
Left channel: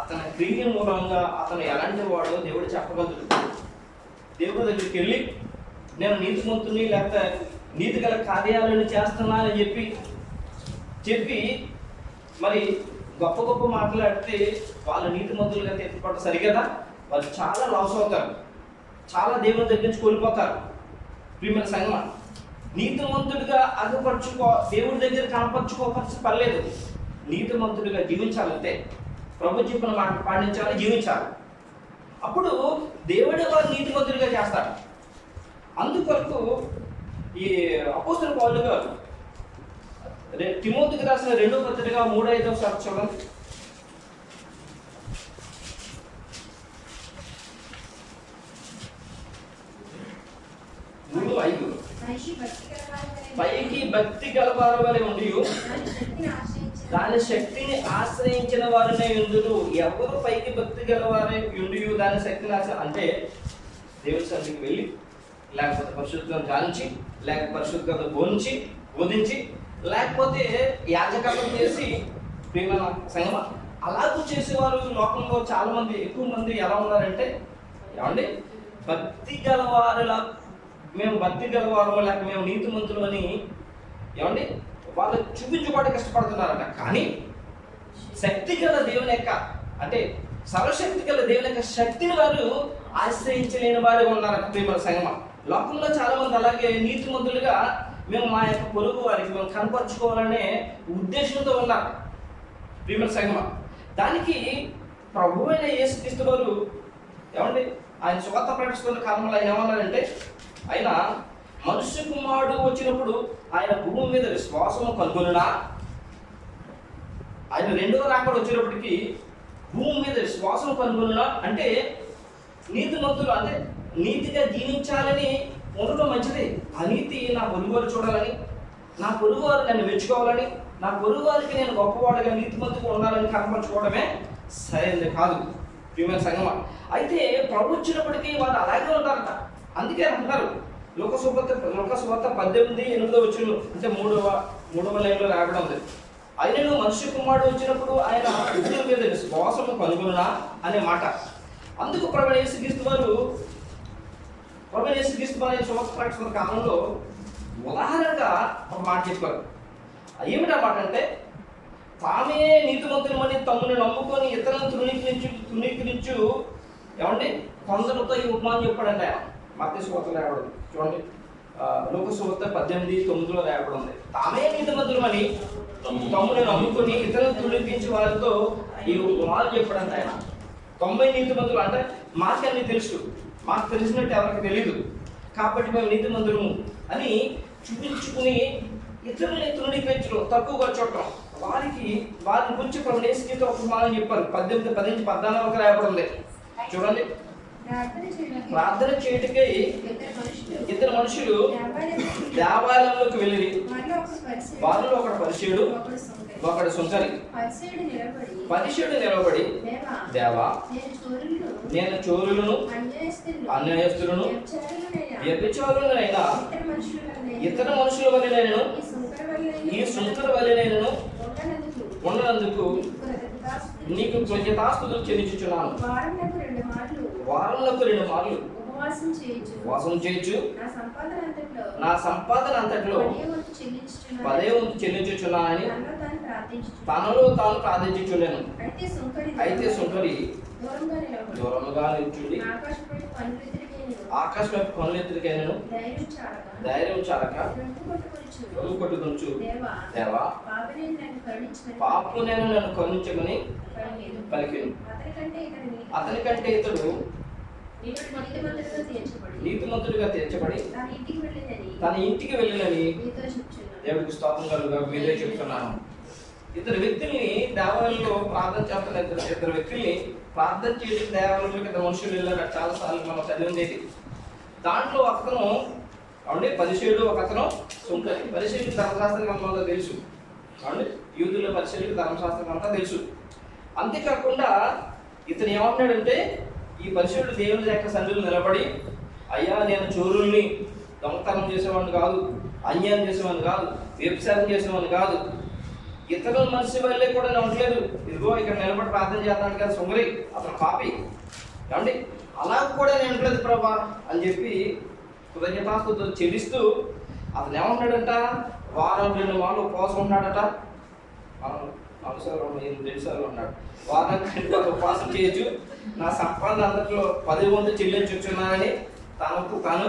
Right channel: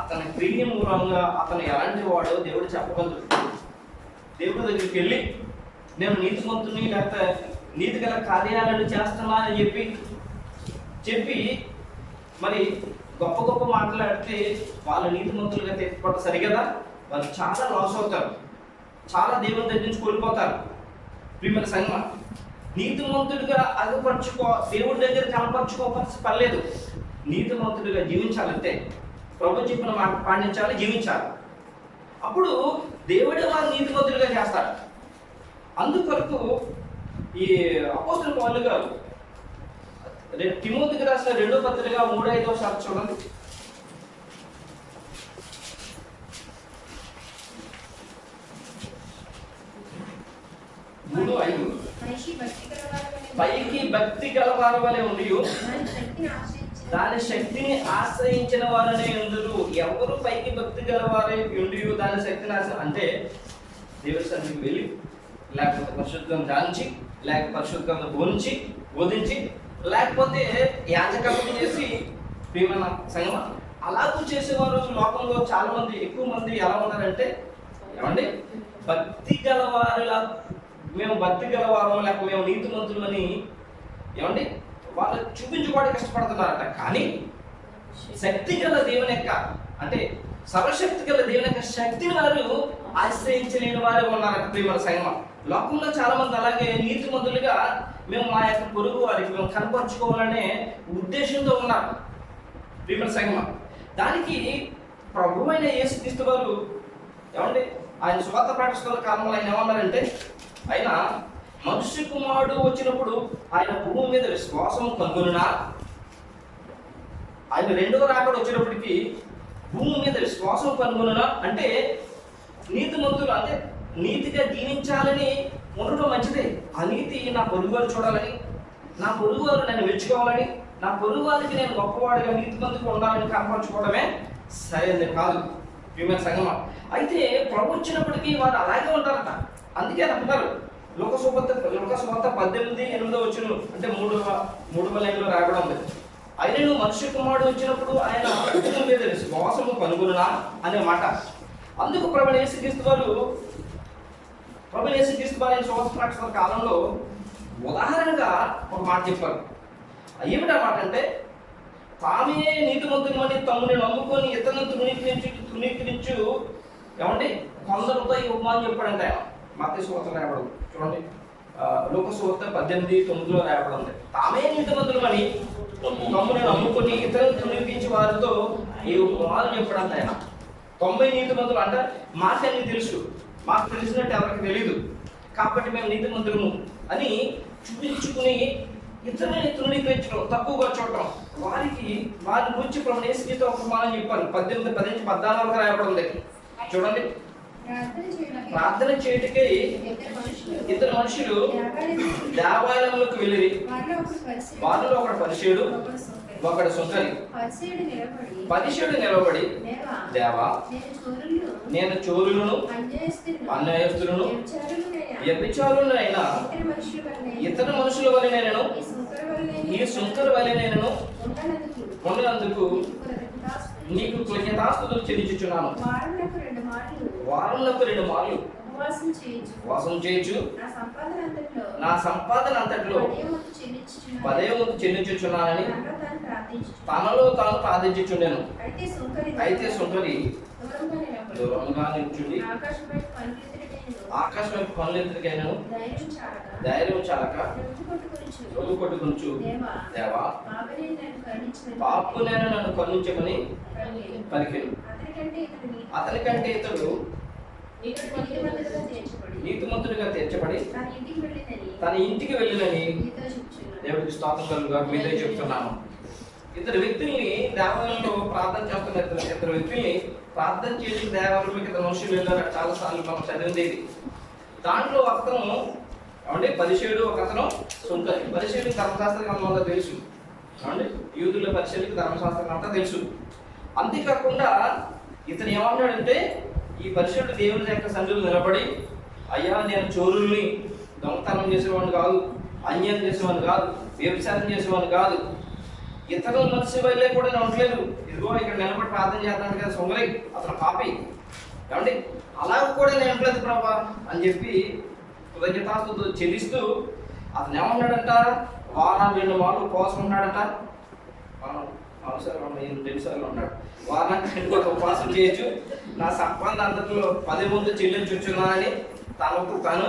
అతని క్రియ మూలంగా అతను ఎలాంటి వాడో దేవుడు చెప్పగలడు. దేవుడి దగ్గరికి వెళ్ళి నేను నీతిమంతుని లేకపోతే నీతి గల కార్యాలను చేస్తున్నా అని చెప్పి మరి గొప్ప గొప్ప మాట్లాడితే వాళ్ళు నీతిమంతులుగా తీర్చబడ్డ సరిగదా, వాళ్ళు చాలా లాస్ అవుతారు, చాలా దేవుని దగ్గర నుంచి కోల్పోతారు. ప్రియమైన సంగమా, నీతిమంతుడిగా దేవుడి దగ్గర కనపరుచుకోవాల్సి పర్లేదు, నీతిమంతుడిగా జీవించాలంటే ప్రభు చెప్పిన మాట పాటించాలి, జీవించాలి. అప్పుడు దేవుడే వారు నీతిమంతుడిగా చేస్తాడు. అందుకొరకు ఈ అపోస్తలుడు పౌలు గారు తిమోతికి రాసిన 2వ పత్రిక 3:5 చూడండి. 3:5 పైకి భక్తి గలవారి వలె ఉండి దాని శక్తిని ఆశ్రయించిన వారనే ఉందురు. ఎవరు పైకి భక్తి గలవారే ఉండి దాని శక్తిని అంటే దేవుడి సన్నిధికి వెళ్ళి, లేకపోతే పరిశుద్ధంగా ధ్యానించి, లేక పరిశుద్ధంగా బోధించి, లేకపోతే యాజకత్వం చేసి, ప్రియమైన సంగమా అలాగూ చేసేవారు లోకంలో చాలా మంది, ఎక్కువ మంది ఎలా ఉన్నారంటే ఏమండి భక్తి గలవారులా, మేము భక్తి గలవారు లేక మేము నీతిమంతులు అని ఏమండి వాళ్ళు చూపించుకోవడానికి కష్టపడుతున్నారట. కానీ శక్తి గల దేవుని యొక్క అంటే సర్వశక్తి గల దేవుని యొక్క శక్తిని వారు ఆశ్రయించలేని వారు ఉన్నారట. ప్రియమైన సంగమం లోకంలో చాలా మంది అలాగే నీతిమంతులుగా మేము మా యొక్క పొరుగు వారికి మేము కనపరుచుకోవాలనే ఉద్దేశంతో ఉన్నారు. ప్రియమైన సంగమం దానికి ప్రభు అయిన యేసుక్రీస్తు వారు ఏమండి ఆయన సువార్త ప్రకటిస్తున్న కాలంలో ఆయన ఏమన్నారంటే, ఆయన మనుష్య కుమారుడు వచ్చినప్పుడు ఆయన భూమి మీద విశ్వాసం కనుగొనునా, ఆయన రెండవ రాకడ వచ్చినప్పటికీ భూమి మీద విశ్వాసం కనుగొనునా అంటే నీతిమంతులు అంటే నీతిగా జీవించాలని ఉండటం మంచిదే. ఆ నీతి నా పొరుగువారు చూడాలని, నా పొరుగువారు నన్ను మెచ్చుకోవాలని, నా పొరుగువారికి నేను గొప్పవాడిగా నీతిమంతుగా ఉండాలని కనపరచుకోవడమే సరైనది కాదు ప్రియమైన సంగమా. అయితే ప్రభు వచ్చినప్పటికీ వారు అలాగే ఉంటారట. అందుకే అంటున్నారు లోకసువార్త 18:8 అంటే మూడవ లైన్లో రాయబడి ఉంది. అయినను మనుష్య కుమారుడు వచ్చినప్పుడు ఆయన భూమి మీద విశ్వాసము కనుగొనునా అనే మాట. అందుకు ప్రభువైన యేసుక్రీస్తు వారు సంవత్సరాల కాలంలో ఉదాహరణగా ఒక మాట చెప్పారు. ఏమిటా మాట అంటే, తామే నీతిమంతులమని తమ్ముని నమ్ముకొని ఇతరులను తృణీకరించు ఏమండి కొందరితో ఈ ఉపమానం చెప్పాడంటే ఆయన మత్తయి సువార్త రాయబడదు చూడండి. లోకసువార్త 18:9 రాయబడి ఉంది. తామే నీతిమంతులమని తమ్ముని నమ్ముకొని ఇతరులను తృణీకరించి వారితో ఈ ఉపమానం చెప్పాడంటే ఆయన 90 నీతిమంతులు అంటే మాకన్నీ తెలుసు, మాకు తెలిసినట్టు ఎవరికి తెలీదు కాబట్టి మేము నీతిమంతులము అని చూపించుకుని ఇతరులని తృణీకరించడం, తక్కువగా చూడటం, వారి గురించి ప్రభువైన యేసుక్రీస్తు ఒక ఉపమానం చెప్పారు. 18:10-14 రాయబడి ఉంది చూడండి. ప్రార్థన చేయటకై ఇద్దరు మనుషులు దేవాలయంలోకి వెళ్ళి వారిలో ఒకడు పరిసయ్యుడు ఒకడు సుంకరి. పరిసయ్యుడు నిలబడి, దేవా నేను చోరులను అన్యాయస్తులను వ్యభిచారులనైనా ఇతర మనుషుల వలెనైనను ఈ సుంకరి వలెనైనను ఉన్నందుకు నీకు కృతజ్ఞతాస్తుతులు చెల్లించుచున్నాను. వారములకు 2 మార్లు ఉపవాసం చేయొచ్చు. నా సంపాదన అంతట్లో 10వ వంతు చెల్లించుచున్నానని తనలో తాను ప్రార్థించుచుండెను. అయితే సుంకరి దూరంగా నిల్చుండి ఆకాశం పనులెత్తుడికైనను ధైర్యం చాలక రొమ్ము కొట్టుకొనుచు, దేవా పాపునైనా నన్ను కరుణించమని పలికెను. అతనికంటే ఇతడు నీతిమంతుడిగా తీర్చబడి తన ఇంటికి వెళ్ళినని దేవుడికి స్తోత్రం కలుగుగాక. మీరే చెప్తున్నాను. ఇద్దరు వ్యక్తుల్ని దేవాలయంలో ప్రార్థన చేస్తున్న ఇద్దరు వ్యక్తుల్ని ప్రార్థన చేసి దేవాలయంలోకి ఇద్దరు మనుషులు వెళ్ళారు. చాలా సార్లు మనం చదివింది ఇది. దాంట్లో ఒకతను అంటే పరిసయ్యుడు, ఒకతను సుంకరి. పరిసయ్యుడికి ధర్మశాస్త్రం అంతా తెలుసు అంటే యూదుల పరిసయ్యుడికి ధర్మశాస్త్రం అంతా తెలుసు. అంతేకాకుండా ఇతను ఏమన్నాడంటే, ఈ పరిసయ్యుడు దేవుని యొక్క సన్నిధిలో నిలబడి, అయ్యా నేను చోరుల్ని దొంగతనం చేసేవాడిని కాదు, అన్యాయం చేసేవాడిని కాదు, వ్యభిచారం చేసేవాడిని కాదు, ఇతరుల మనిషి వల్లే కూడా నేను ఉండలేదు. ఇదిగో ఇక్కడ నిలబడి ప్రార్థన చేస్తున్నాడు కదా సుంగరి, అతను పాపి ఏమండి, అలా కూడా నేను ఉండలేదు ప్రభా అని చెప్పి కృతజ్ఞతాస్తుతులు చెల్లిస్తూ అతను ఏమన్నాడంట, వారానికి 2 మార్లు ఉపవాసం ఉన్నాడట. అవసరం 2 సార్లు ఉన్నాడు. వారానికి 2 మార్లు ఉపవాసం చేయొచ్చు. నా సంపాదన అంతట్లో 10వ వంతు చెల్లించున్నానని తనకు తాను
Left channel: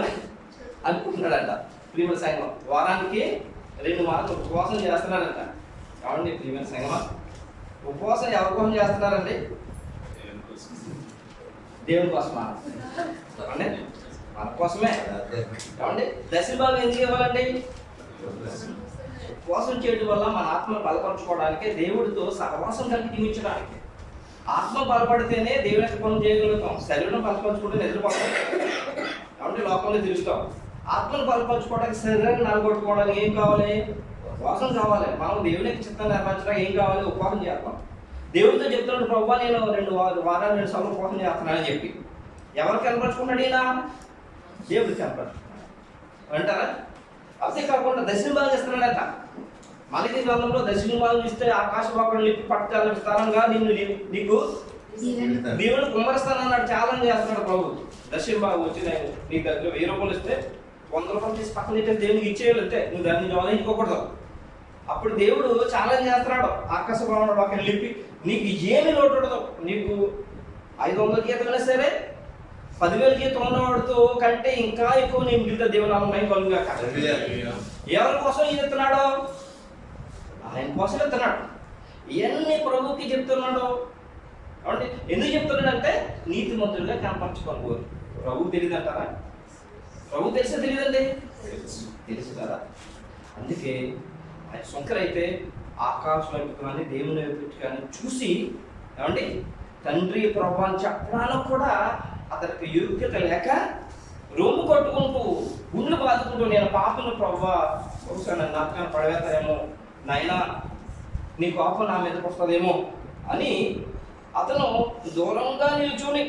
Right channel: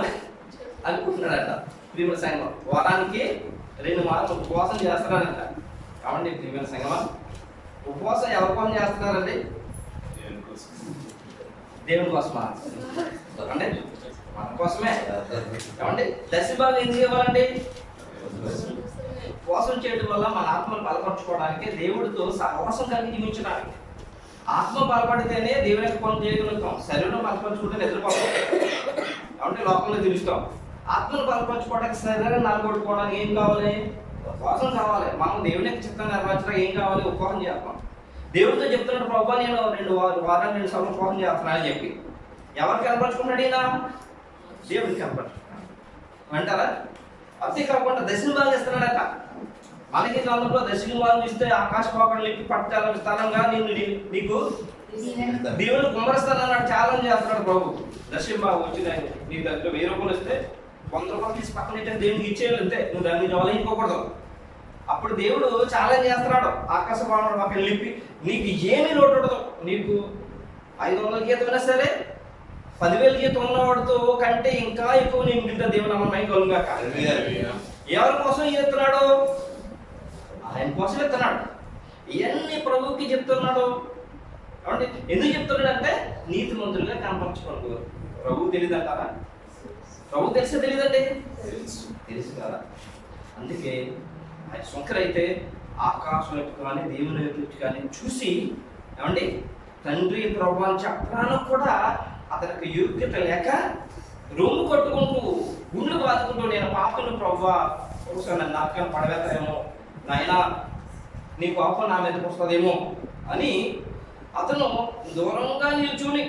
అనుకుంటున్నాడంట. ప్రియమైన సంఘం, వారానికి 2 మార్లు ఉపవాసం చేస్తున్నాడంట. కావండి ప్రియమైన సంఘమా, ఉపవాసం ఎవరి కోసం చేస్తున్నారండి? దేవుని కోసమా అంటే మన కోసమే. ఏమండి దశమ భాగం ఎందుకు ఇవ్వాలండి? ఉపవాసం చేయడం వల్ల మన ఆత్మను బలపరచుకోవడానికి, దేవుడితో సహవాసం కలిగి జీవించడానికి. ఆత్మ బలపడితేనే దేవుని యొక్క పనులు చేయగలుగుతాం. శరీరం బలపరచుకుంటే నిద్రపోతాం అంటే లోకంలో తిరుగుతాం. ఆత్మను బలపరచుకోవడానికి, శరీరాన్ని నలగొట్టుకోవడానికి ఏం కావాలి? ఉపవాసం కావాలి. మనం దేవుని యొక్క చిత్తాన్ని నెరవేర్చడానికి ఏం కావాలి? ఉపవాసం చేస్తాం. దేవుడితో చెప్తున్నాడు, ప్రభా నేను 2 సార్లు ఉపవాసం చేస్తున్నానని చెప్పి. ఎవరికి కనపరుచుకున్నాడు ఈయన? దేవుడికి కనపరుచుకున్నాడు అంటారా? అంతేకాకుండా దశమ భాగం ఇస్తున్నాడట. మనకి గ్రంథంలో దశమ భాగం ఇస్తే ఆకాశ భాగం లిపి పట్టాల విస్తారంగా నీకు దేవుని కుమ్మరిస్తానన్నాడు. ఛాలెంజ్ చేస్తున్నాడు ప్రభు. దశమ భాగం వచ్చి నీకు దగ్గర 1000 రూపాయలు ఇస్తే 100 రూపాయలు తీసి పక్కన ఇచ్చే దేవునికి ఇచ్చేయాలి అంతే, నువ్వు దాన్ని జోలించుకోకూడదు. అప్పుడు దేవుడు ఛాలెంజ్ చేస్తున్నాడు, ఆకాశ భాగంలో అక్కడ లిపి నీకు ఏమి లోటు ఉండదు. నీకు 500 జీతం అయినా సరే 10,000 జీతం ఉన్నవాడితో కంటే ఇంకా ఎక్కువ నేను మిగతా దేవుని అమ్మమై కలుగాక. ఎవరి కోసం ఈయన ఎత్తున్నాడు? ఆయన కోసం ఎత్తున్నాడు. ఇవన్నీ ప్రభువుకి చెప్తున్నాడు. అంటే ఎందుకు చెప్తున్నాడు అంటే నీతిమంతులుగా కనపరచుకోరు. ప్రభువుకి తెలియదు అంటారా? ప్రభు తెలిసే తెలియదండి, తెలుసు. తెలుసు కదా. అందుకే ఆయన శంకరైతే ఆకాశం వైపు కానీ దేవుని వైపు కానీ చూసి ఏమండి తండ్రి ప్రభు అని చెప్పడానికి కూడా అతనికి యోగ్యత లేక రొమ్ము కట్టుకుంటూ గుండెలు బాదుకుంటూ నేను పాపను ప్రభువా బహుశా నన్ను నాటకాన్ని పడవేస్తాయేమో, నాయనా నీ పాపం నా మీదకి వస్తుందేమో అని అతను దూరంగా నిల్చుని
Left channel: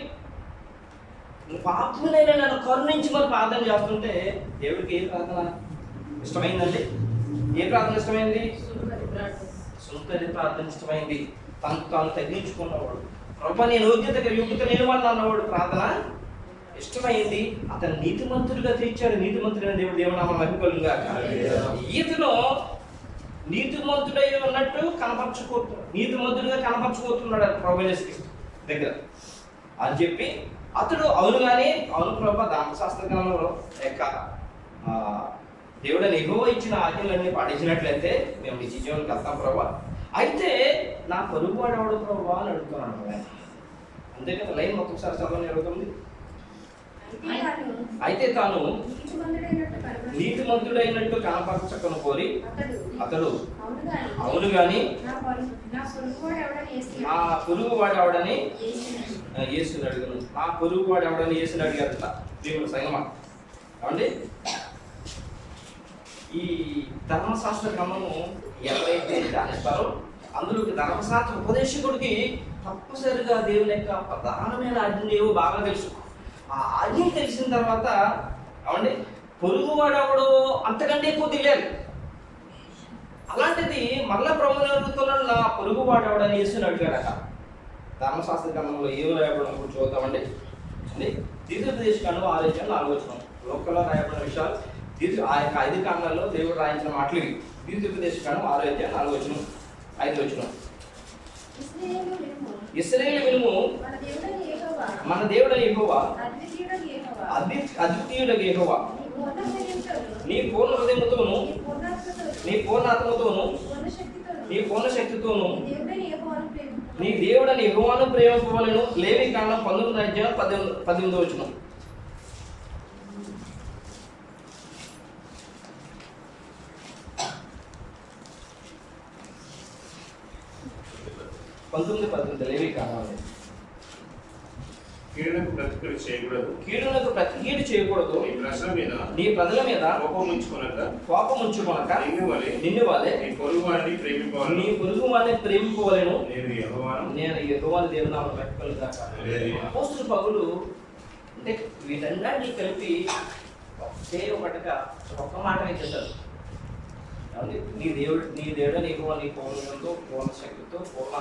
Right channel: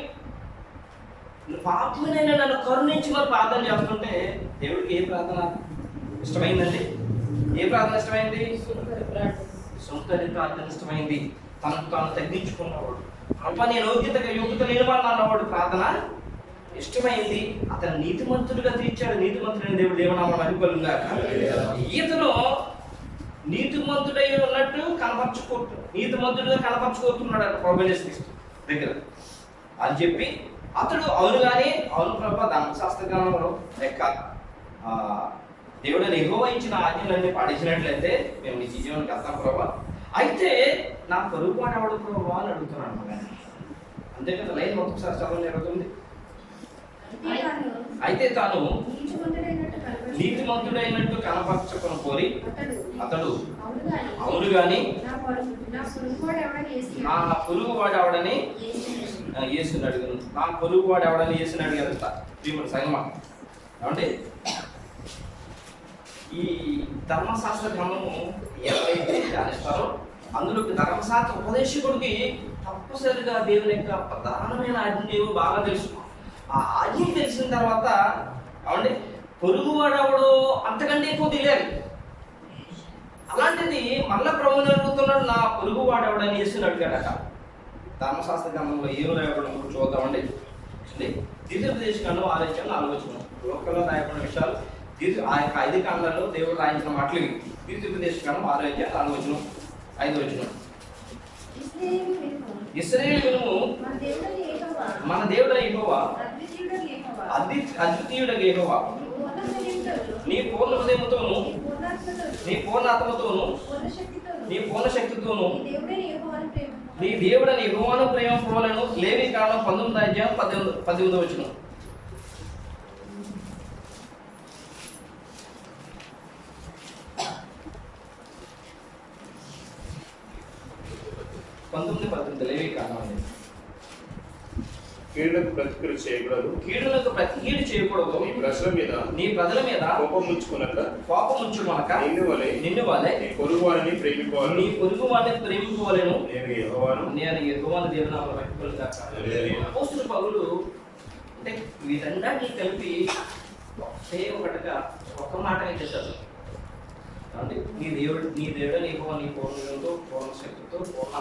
పాపనైనా నన్ను కరుణించి మరి ప్రార్థన చేస్తుంటే దేవుడికి ఏ ప్రార్థన ఇష్టమైందండి? ఏ ప్రార్థన ఇష్టమైంది? సుంకరి ప్రార్థన ఇష్టమైంది. తనకు తాను తగ్గించుకున్నవాడు, ప్రభా నేను యోగ్యత లేని వాడిని అన్నవాడు ప్రార్థన ఇష్టమైంది. అతను నీతిమంతుడిగా తీర్చాడు. నీతిమంతుడైన దేవుడు దేవునామం మహిమకలుగా. ఈతను నీతిమంతుడై ఉన్నట్టు నీతిమంతుడిగా కనపరచుకోతున్నాడు ప్రభు దగ్గర అని చెప్పి అతడు అవును కానీ అవును ప్రభా ధర్మశాస్త్రజ్ఞానంలో లెక్క దేవుడని యెహోవా ఇచ్చిన ఆజ్ఞలన్నీ పాటించినట్లయితే మేము నీ జీవనానికి వెళ్తాం ప్రభా, అయితే నా పరుగు వాడేవాడు ప్రభా అని అడుగుతున్నాను. అంతే కదా. లైన్ మొత్తం సార్ చదవని 29. అయితే తాను నీతిమంతుడైనట్టు కనపరచుకొని కోరి అతడు అవును గాని నా పొరుగు వాడు ఎవడని యేసుని అడిగాను. నా పొరుగు వాడు ఎవడని యేసుని అడిగారంట ప్రియమైన సంగమా. ఏమండి ఈ ధర్మశాస్త్ర క్రమము ఎవరైతే ధ్యానిస్తారో అందులోకి ధర్మశాస్త్ర ఉపదేశకుడికి తప్పనిసరిగా దేవుని యొక్క ప్రధానమైన ఆజ్ఞ బాగా తెలుసు. ఆ ఆజ్ఞ తెలిసిన తర్వాత అవండి పొరుగువాడు ఎవడో అంతకంటే ఎక్కువ తెలియదు. అలాంటిది మళ్ళా ప్రభుని అడుగుతున్నాడు, నా పొరుగువాడు ఎవడని యేసుని అడిగాడట. ధర్మశాస్త్ర గ్రంథంలో ఏం రాయబడడం చూద్దామండి. ద్వితీయోపదేశ కాండం 6:4 లోకల్లో రాయబడిన విషయాలు ఆ యొక్క 5 కాండాల్లో దేవుడు రాయించిన మాటలు ఇవి. ద్వితీయోపదేశ కాండం 6:4 5 ఇశ్రాయేలు వినుము, మన దేవుడైన యెహోవా అద్వితీయుడైన యెహోవా నీ పూర్ణ హృదయముతోను నీ పూర్ణ ఆత్మతోను నీ పూర్ణ శక్తితోను నీ దేవుడని యెహోవాను ప్రేమింపవలెను. లేవి కాండం 19:18 19:18 లేవి కాండం. కీడునకు ప్రతికీడు చేయకూడదు, కీడునకు ప్రతికీడు చేయకూడదు, నీ ప్రజల మీద కోపం ఉంచుకొనక నిన్ను వలె నీ పొరుగువాడిని ప్రేమింపవలెను. నేను యెహోవాను దేవునామమున మహిమకలుగాక. అపోస్తలుడు పౌలు అంటే వీటన్నిటిని కలిపి ఒకటిగా ఒక మాట చెప్పారు. నీ దేవుడని యెహోవా నీ పూర్ణంతో పూర్ణ శక్తితో పూర్ణ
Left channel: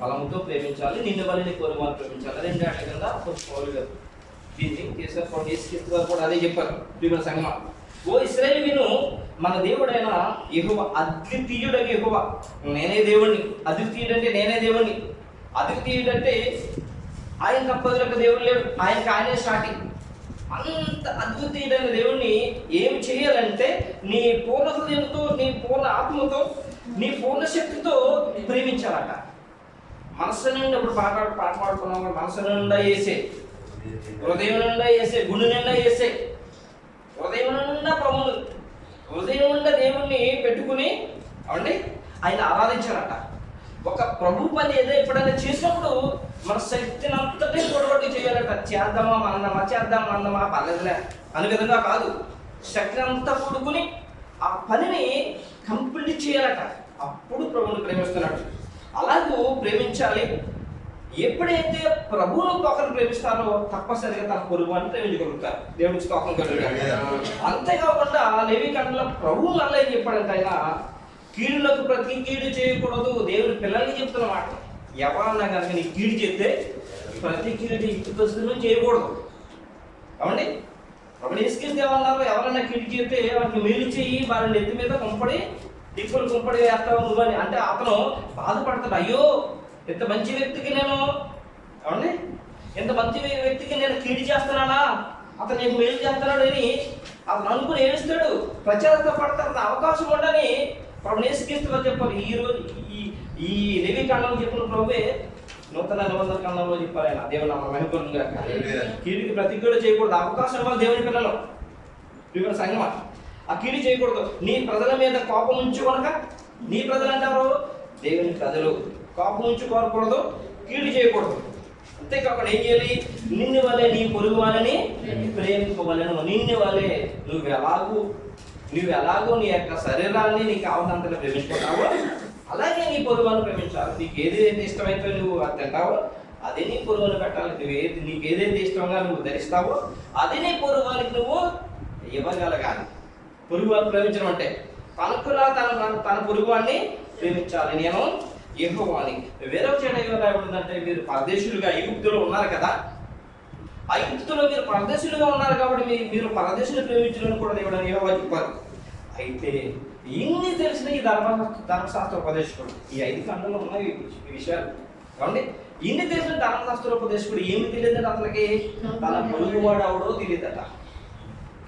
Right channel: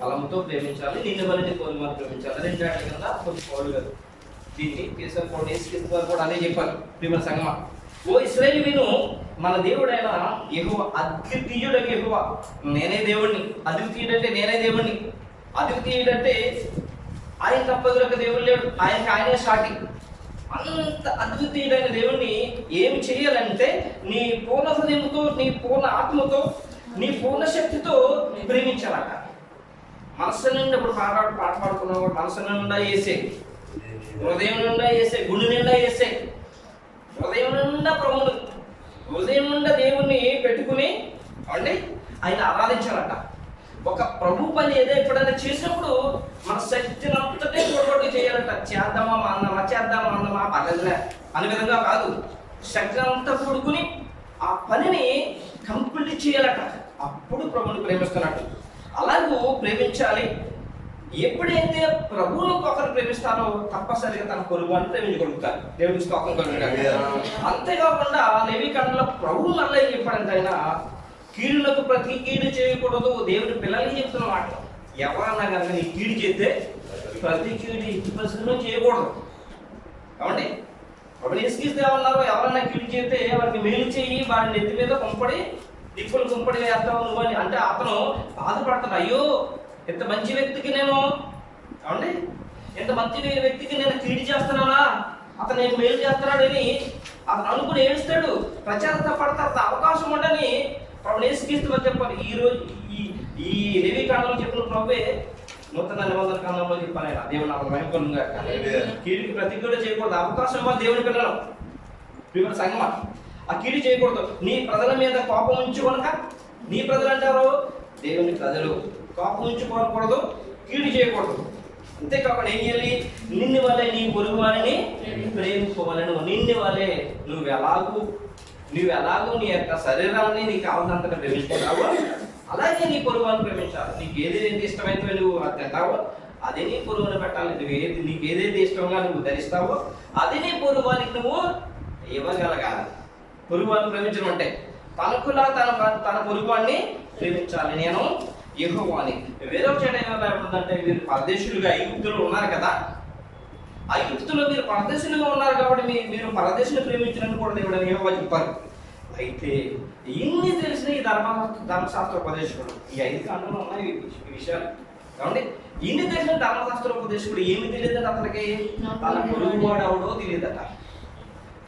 బలంతో ప్రేమించాలి, నిన్ను వల్ల నీ పొరుగువారిని ప్రేమించాలి. 2 ఏళ్ల కింద పౌలు గారు దీన్ని తీసుకుని యేసుక్రీస్తు కూడా అదే చెప్పారు. ప్రియమైన సంగమా, ఓ ఇశ్రాయేలు విను, మన దేవుడైన యెహోవా అద్వితీయుడైన యెహోవా. నేనే దేవుణ్ణి. అద్వితీయుడంటే నేనే దేవుణ్ణి. అద్వితీయుడంటే ఆయన తప్ప ఒక దేవుడు లేడు, ఆయనే సాటి. అంత అద్వితీయుడైన దేవుణ్ణి ఏం చేయాలంటే నీ పూర్ణ హృదయంతో నీ పూర్ణ ఆత్మతో నీ పూర్ణ శక్తితో ప్రేమించాలట. మనసు నిండా ఇప్పుడు పాట పాడుకున్నాం, మనసు నిండా వేసే, హృదయం నిండా వేసే, గుండె నిండా వేసే, హృదయం నిండా ప్రభుని, హృదయం నిండా దేవుణ్ణి పెట్టుకుని అవండి ఆయన ఆరాధించాలట. ఒక ప్రభు పని ఏదో ఎప్పుడైనా చేసినప్పుడు మన శక్తిని అంతటే పొడగొట్టి చేయాలట. చేద్దామా అన్నమా పర్లేదులే అనే విధంగా కాదు, శక్తిని అంతా కూడుకుని ఆ పనిని కంప్లీట్ చేయాలట. అప్పుడు ప్రభుని ప్రేమిస్తున్నట్టు. అలాగూ ప్రేమించాలి. ఎప్పుడైతే ప్రభువును ఒకరు ప్రేమిస్తారో తప్పనిసరిగా తన పొరుగు అని ప్రేమించగలుగుతారు. దేవుడికి స్తోత్రం కలుగుతారు. అంతేకాకుండా లేవి కాండంలో ప్రభువు మళ్ళీ చెప్పాడంటే ఆయన కీడులకు ప్రతి కీడు చేయకూడదు. దేవుని పిల్లలకి చెప్తున్న మాట. ఎవరన్నా కనుక నీ కీడు చేస్తే ప్రతి కీడు ఇంటి పరిస్థితుల్లో చేయకూడదు. కాబట్టి అప్పుడు యేసుక్రీస్తు ఏమన్నారు, ఎవరన్నా కీడు చేస్తే వారికి మేలు చేయి, వారి నెత్తి మీద కుంపడి దిక్కులు కుంపడి వేస్తావు నువ్వని. అంటే అతను బాధపడతాడు, అయ్యో ఇంత మంచి వ్యక్తికి నేను ఏమండి ఇంత మంచి వ్యక్తికి నేను కీడు చేస్తున్నానా, అతను నేను మేలు చేస్తున్నాడు అని అతను అనుకుని ఏడుస్తాడు, ప్రచారపడతాడు. అవకాశం ఉండని ప్రభు యేసుక్రీస్తు చెప్పారు. ఈ రోజు ఈ లేవి కాండంలో చెప్పిన ప్రభువే నూతన నిబంధన కాలంలో చెప్పారు ఆయన, దేవుని నామం మహిమకరంగా. కీడుకి ప్రతిజ్ఞ చేయకూడదు, అవకాశం ఇవ్వాలి దేవుని పిల్లలు. ప్రియమైన సంగమా, ఆ కీడు చేయకూడదు. నీ ప్రజల మీద కోపం ఉంచుకొనక, నీ ప్రజలు అంటే ఎవరు? దేవుని ప్రజలు. కోపం ఉంచుకోకూడదు, కీడు చేయకూడదు. అంతేకాకుండా ఏం చేయాలి? నిన్ను వలె నీ పొరుగు వారిని ప్రేమింపవలెను. నిన్ను వలె నువ్వు ఎలాగో నీ యొక్క శరీరాన్ని నీకు కావాల్సినంతగా ప్రేమించుకుంటావో అలాగే నీ పొరుగువాన్ని ప్రేమించాలి. నీకు ఏది ఇష్టమైతే నువ్వు అది తింటావో అదే నీ పొరుగుని పెట్టాలి. నీకు ఏదైతే ఇష్టంగా నువ్వు ధరిస్తావో అదే నీ పొరుగువానికి నువ్వు ఇవ్వగలగాలి. పొరుగువాన్ని ప్రేమించడం అంటే తనకులా తన పొరుగువాన్ని ప్రేమించాలి. నేను యెహోవాని. వేరొక చెడ ఏమైనా రాయబడిందంటే, మీరు పరదేశులుగా ఐగుప్తులో ఉన్నారు కదా, ఐగుప్తులో మీరు పరదేశులుగా ఉన్నారు కాబట్టి మీరు పరదేశులు ప్రేమించడం కూడా దేవుడు యెహోవా చెప్పారు. అయితే ఇన్ని తెలిసిన ఈ ధర్మశాస్త్ర ఉపదేశకుడు, ఈ 5 ఖండంలో ఉన్నాయి ఈ విషయాలు. కాబట్టి ఇన్ని తెలిసిన ధర్మశాస్త్ర ఉపదేశకుడు ఏమి తెలియదట అతనికి? తన పొరుగువాడు ఎవడో తెలియదట,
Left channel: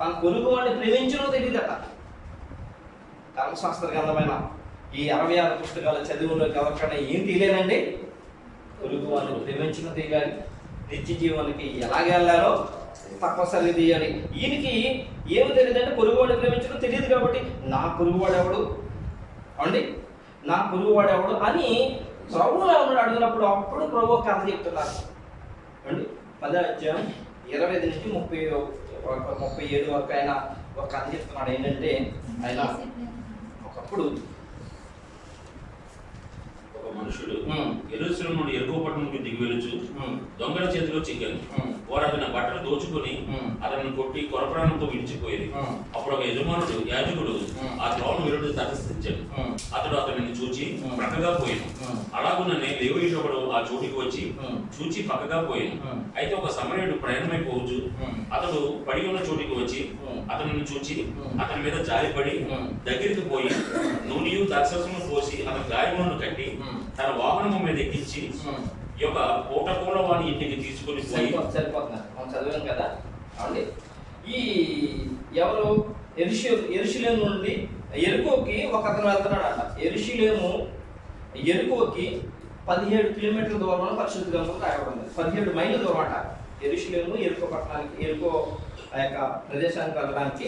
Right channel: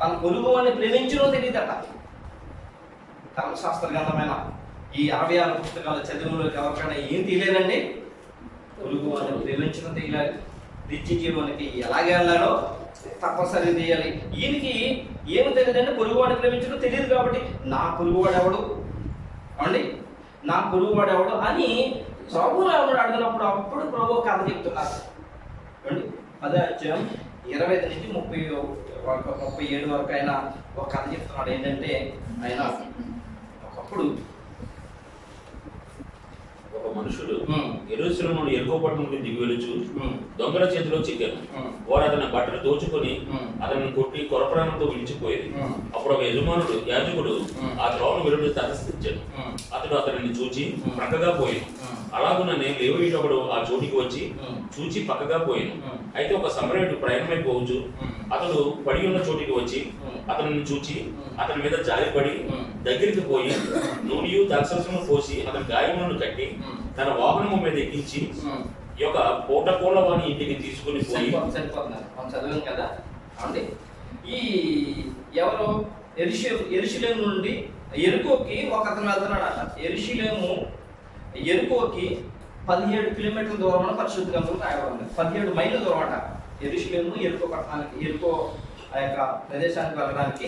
తన పొరుగువాడిని ప్రేమించడో తెలియదట. ధర్మశాస్త్ర గ్రంథమైన ఈ 66 పుస్తకాలు చదువులో ఎవరికైనా ఏం తెలియదండి? పొరుగువాడిని ప్రేమించడం తెలియాలి, నిత్య జీవానికి ఎలాగే వెళ్ళాలో తప్పనిసరిగా తీయాలి. ఈయనకి ఏమి తెలియదంటే పొరుగువాడిని ప్రేమించడం తెలియదు కాబట్టి నా పొరుగువాడు ఎవడు అండి, నా పొరుగువాడు ఎవడు అని ప్రభువుని అడిగినప్పుడు అప్పుడు ప్రభు కథ చెప్తున్నారు అండి. 10వ అధ్యాయం 25 నుంచి 37 వరకు ఆయన ఒక కథ చెప్తున్నాడు. ఏంటంటే ఆయన ఒకప్పుడు ఒక మనుషుడు యెరూషలేము నుండి యెరికో పట్టణంకు దిగి వెళ్ళుచు దొంగల చేతిలో చిక్కాను. వారు అతని బట్టలు దోచుకొని అతనిని కొట్టి కొరప్రాణంతో విడిచిపోయేది. అప్పుడు ఒక యాజకుడు ఆ త్రోవను వెలుడు తటస్థించాడు. అతడు అతనిని చూచి పక్కగా పోయాను. అలాగుననే లేవీయుడు ఒకడు ఆ చోటికి వచ్చి చూచి పక్కగా పోయాను. అయితే ఒక సమరయుడు ప్రయాణమైపోవచ్చు అతడు పడి ఉన్న చోటికి వచ్చి అతనిని చూచి అతని మీద జాలిపడి దగ్గరికి పోయి నూనెయు ద్రాక్షరసము పోసి అతని గాయములను కట్టి తన వాహనము మీద ఎక్కించి ఈ యొక్క పూటకోళ్ళ వాని ఇంటికి తీసుకుని సరిపోతున్నారు. మనం చదివాం కదా అండి. ఈ ఎవరు యెరూషలేము నుండి యెరికోకి ఒక అతను వెళ్తున్నాడు అట. యెరికోకి 17 కిలోమీటర్ల దూరం అని పరిశుద్ధ గ్రంథంలో రాయబడింది. 17 మైళ్ళ దూరం అట. యెరికో పట్టణానికి, యెరికో ఆ యొక్క ప్రదేశానికి వెళ్ళడానికి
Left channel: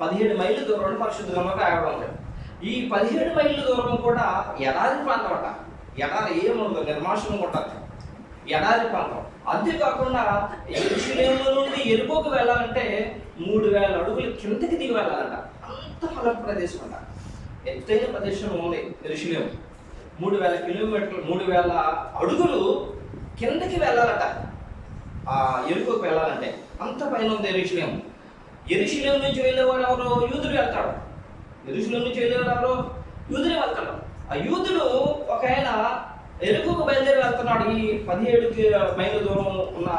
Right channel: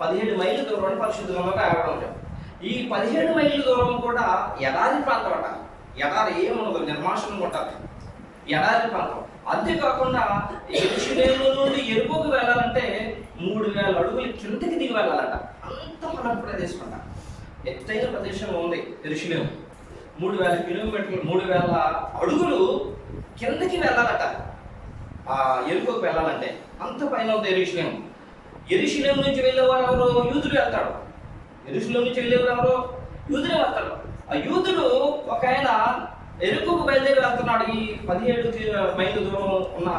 17 మైళ్ళ దూరం అని పరిశుద్ధ గ్రంథంలో రాయబడింది. ఈ 17 మైళ్ళ దూరం కూడా ఎడారి ప్రాంతం అట. ఎడారి ఏముండదు, నిర్మాషంగా ఉంటుంది, ఎడారి ప్రాంతం. అంతేకాకుండా యెరూషలేము నుండి యెరికోకు వెళ్ళాలంటే 3000 అడుగులు కిందకి దిగి వెళ్ళాలంట. అంత ఫల ప్రదేశం అంట, ఎత్తైన ప్రదేశం ఉంది యెరూషలేము. 3000 కిలోమీటర్లు, 3000 అడుగులు కిందకి వెళ్ళాలట ఆ యెరికోకు వెళ్ళాలంటే. అంత పైన ఉంది యెరూషలేము. యెరూషలేము నుంచి వెళ్ళేవారు ఎవరు? యూదుడు వెళ్తాడు. యెరూషలేము నుంచి వెళ్ళేవారు ఎవరు? యూదుడే వెళ్తాడు. ఆ యూదుడు ఒక ఆయన యెరికోకు బయలుదేరి వెళ్తున్నాడు. ఈ 17 మైళ్ళ దూరం ఉన్న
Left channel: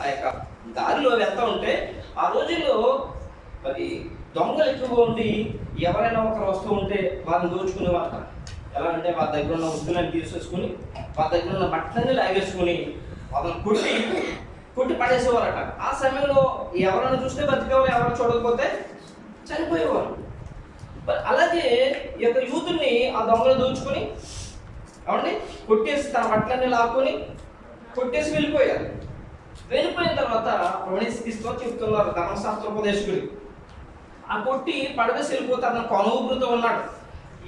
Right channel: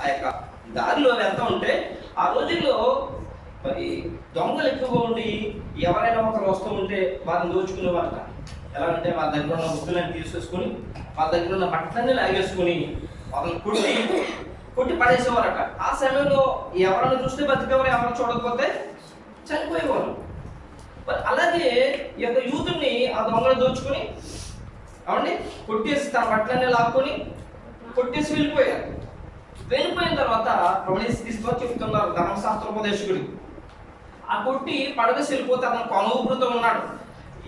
ఆ యొక్క దారిలో వెళ్తూ ఉంటే ఆ రోజుల్లో మరి దొంగలు ఎక్కువగా ఉండి ఎవరైనా ఒకరు వస్తూ ఉంటే వారిని దోచుకునేవారట. ఎలా అంటే వారి దగ్గర ఉన్న వస్తువులను తీసేసుకుని వారి దగ్గర ఉన్న బట్టలన్నీ లాగేసుకుని వాళ్ళని కొట్టి పడేసేవారట. ఆ సమయంలో ఎవరైనా చూస్తే బతికేవారు, ఎవరు చూడకపోతే చనిపోయేవారు. మరి అలాగే ఈ యొక్క యూతుని ఆ దొంగలు దోచుకుని అవండి కొట్టేసి తన బట్టలన్నీ లాక్కొని కొట్టేసి వెళ్ళిపోయారు. వెళ్ళిపోయిన తర్వాత తీసుకొని చెప్తున్నారు ధర్మశాస్త్రోపదేశకుడు, ఆ కొట్టి పడవేసి వెళ్ళిపోతే అతను కొనూపురుతో ఉన్నాడు.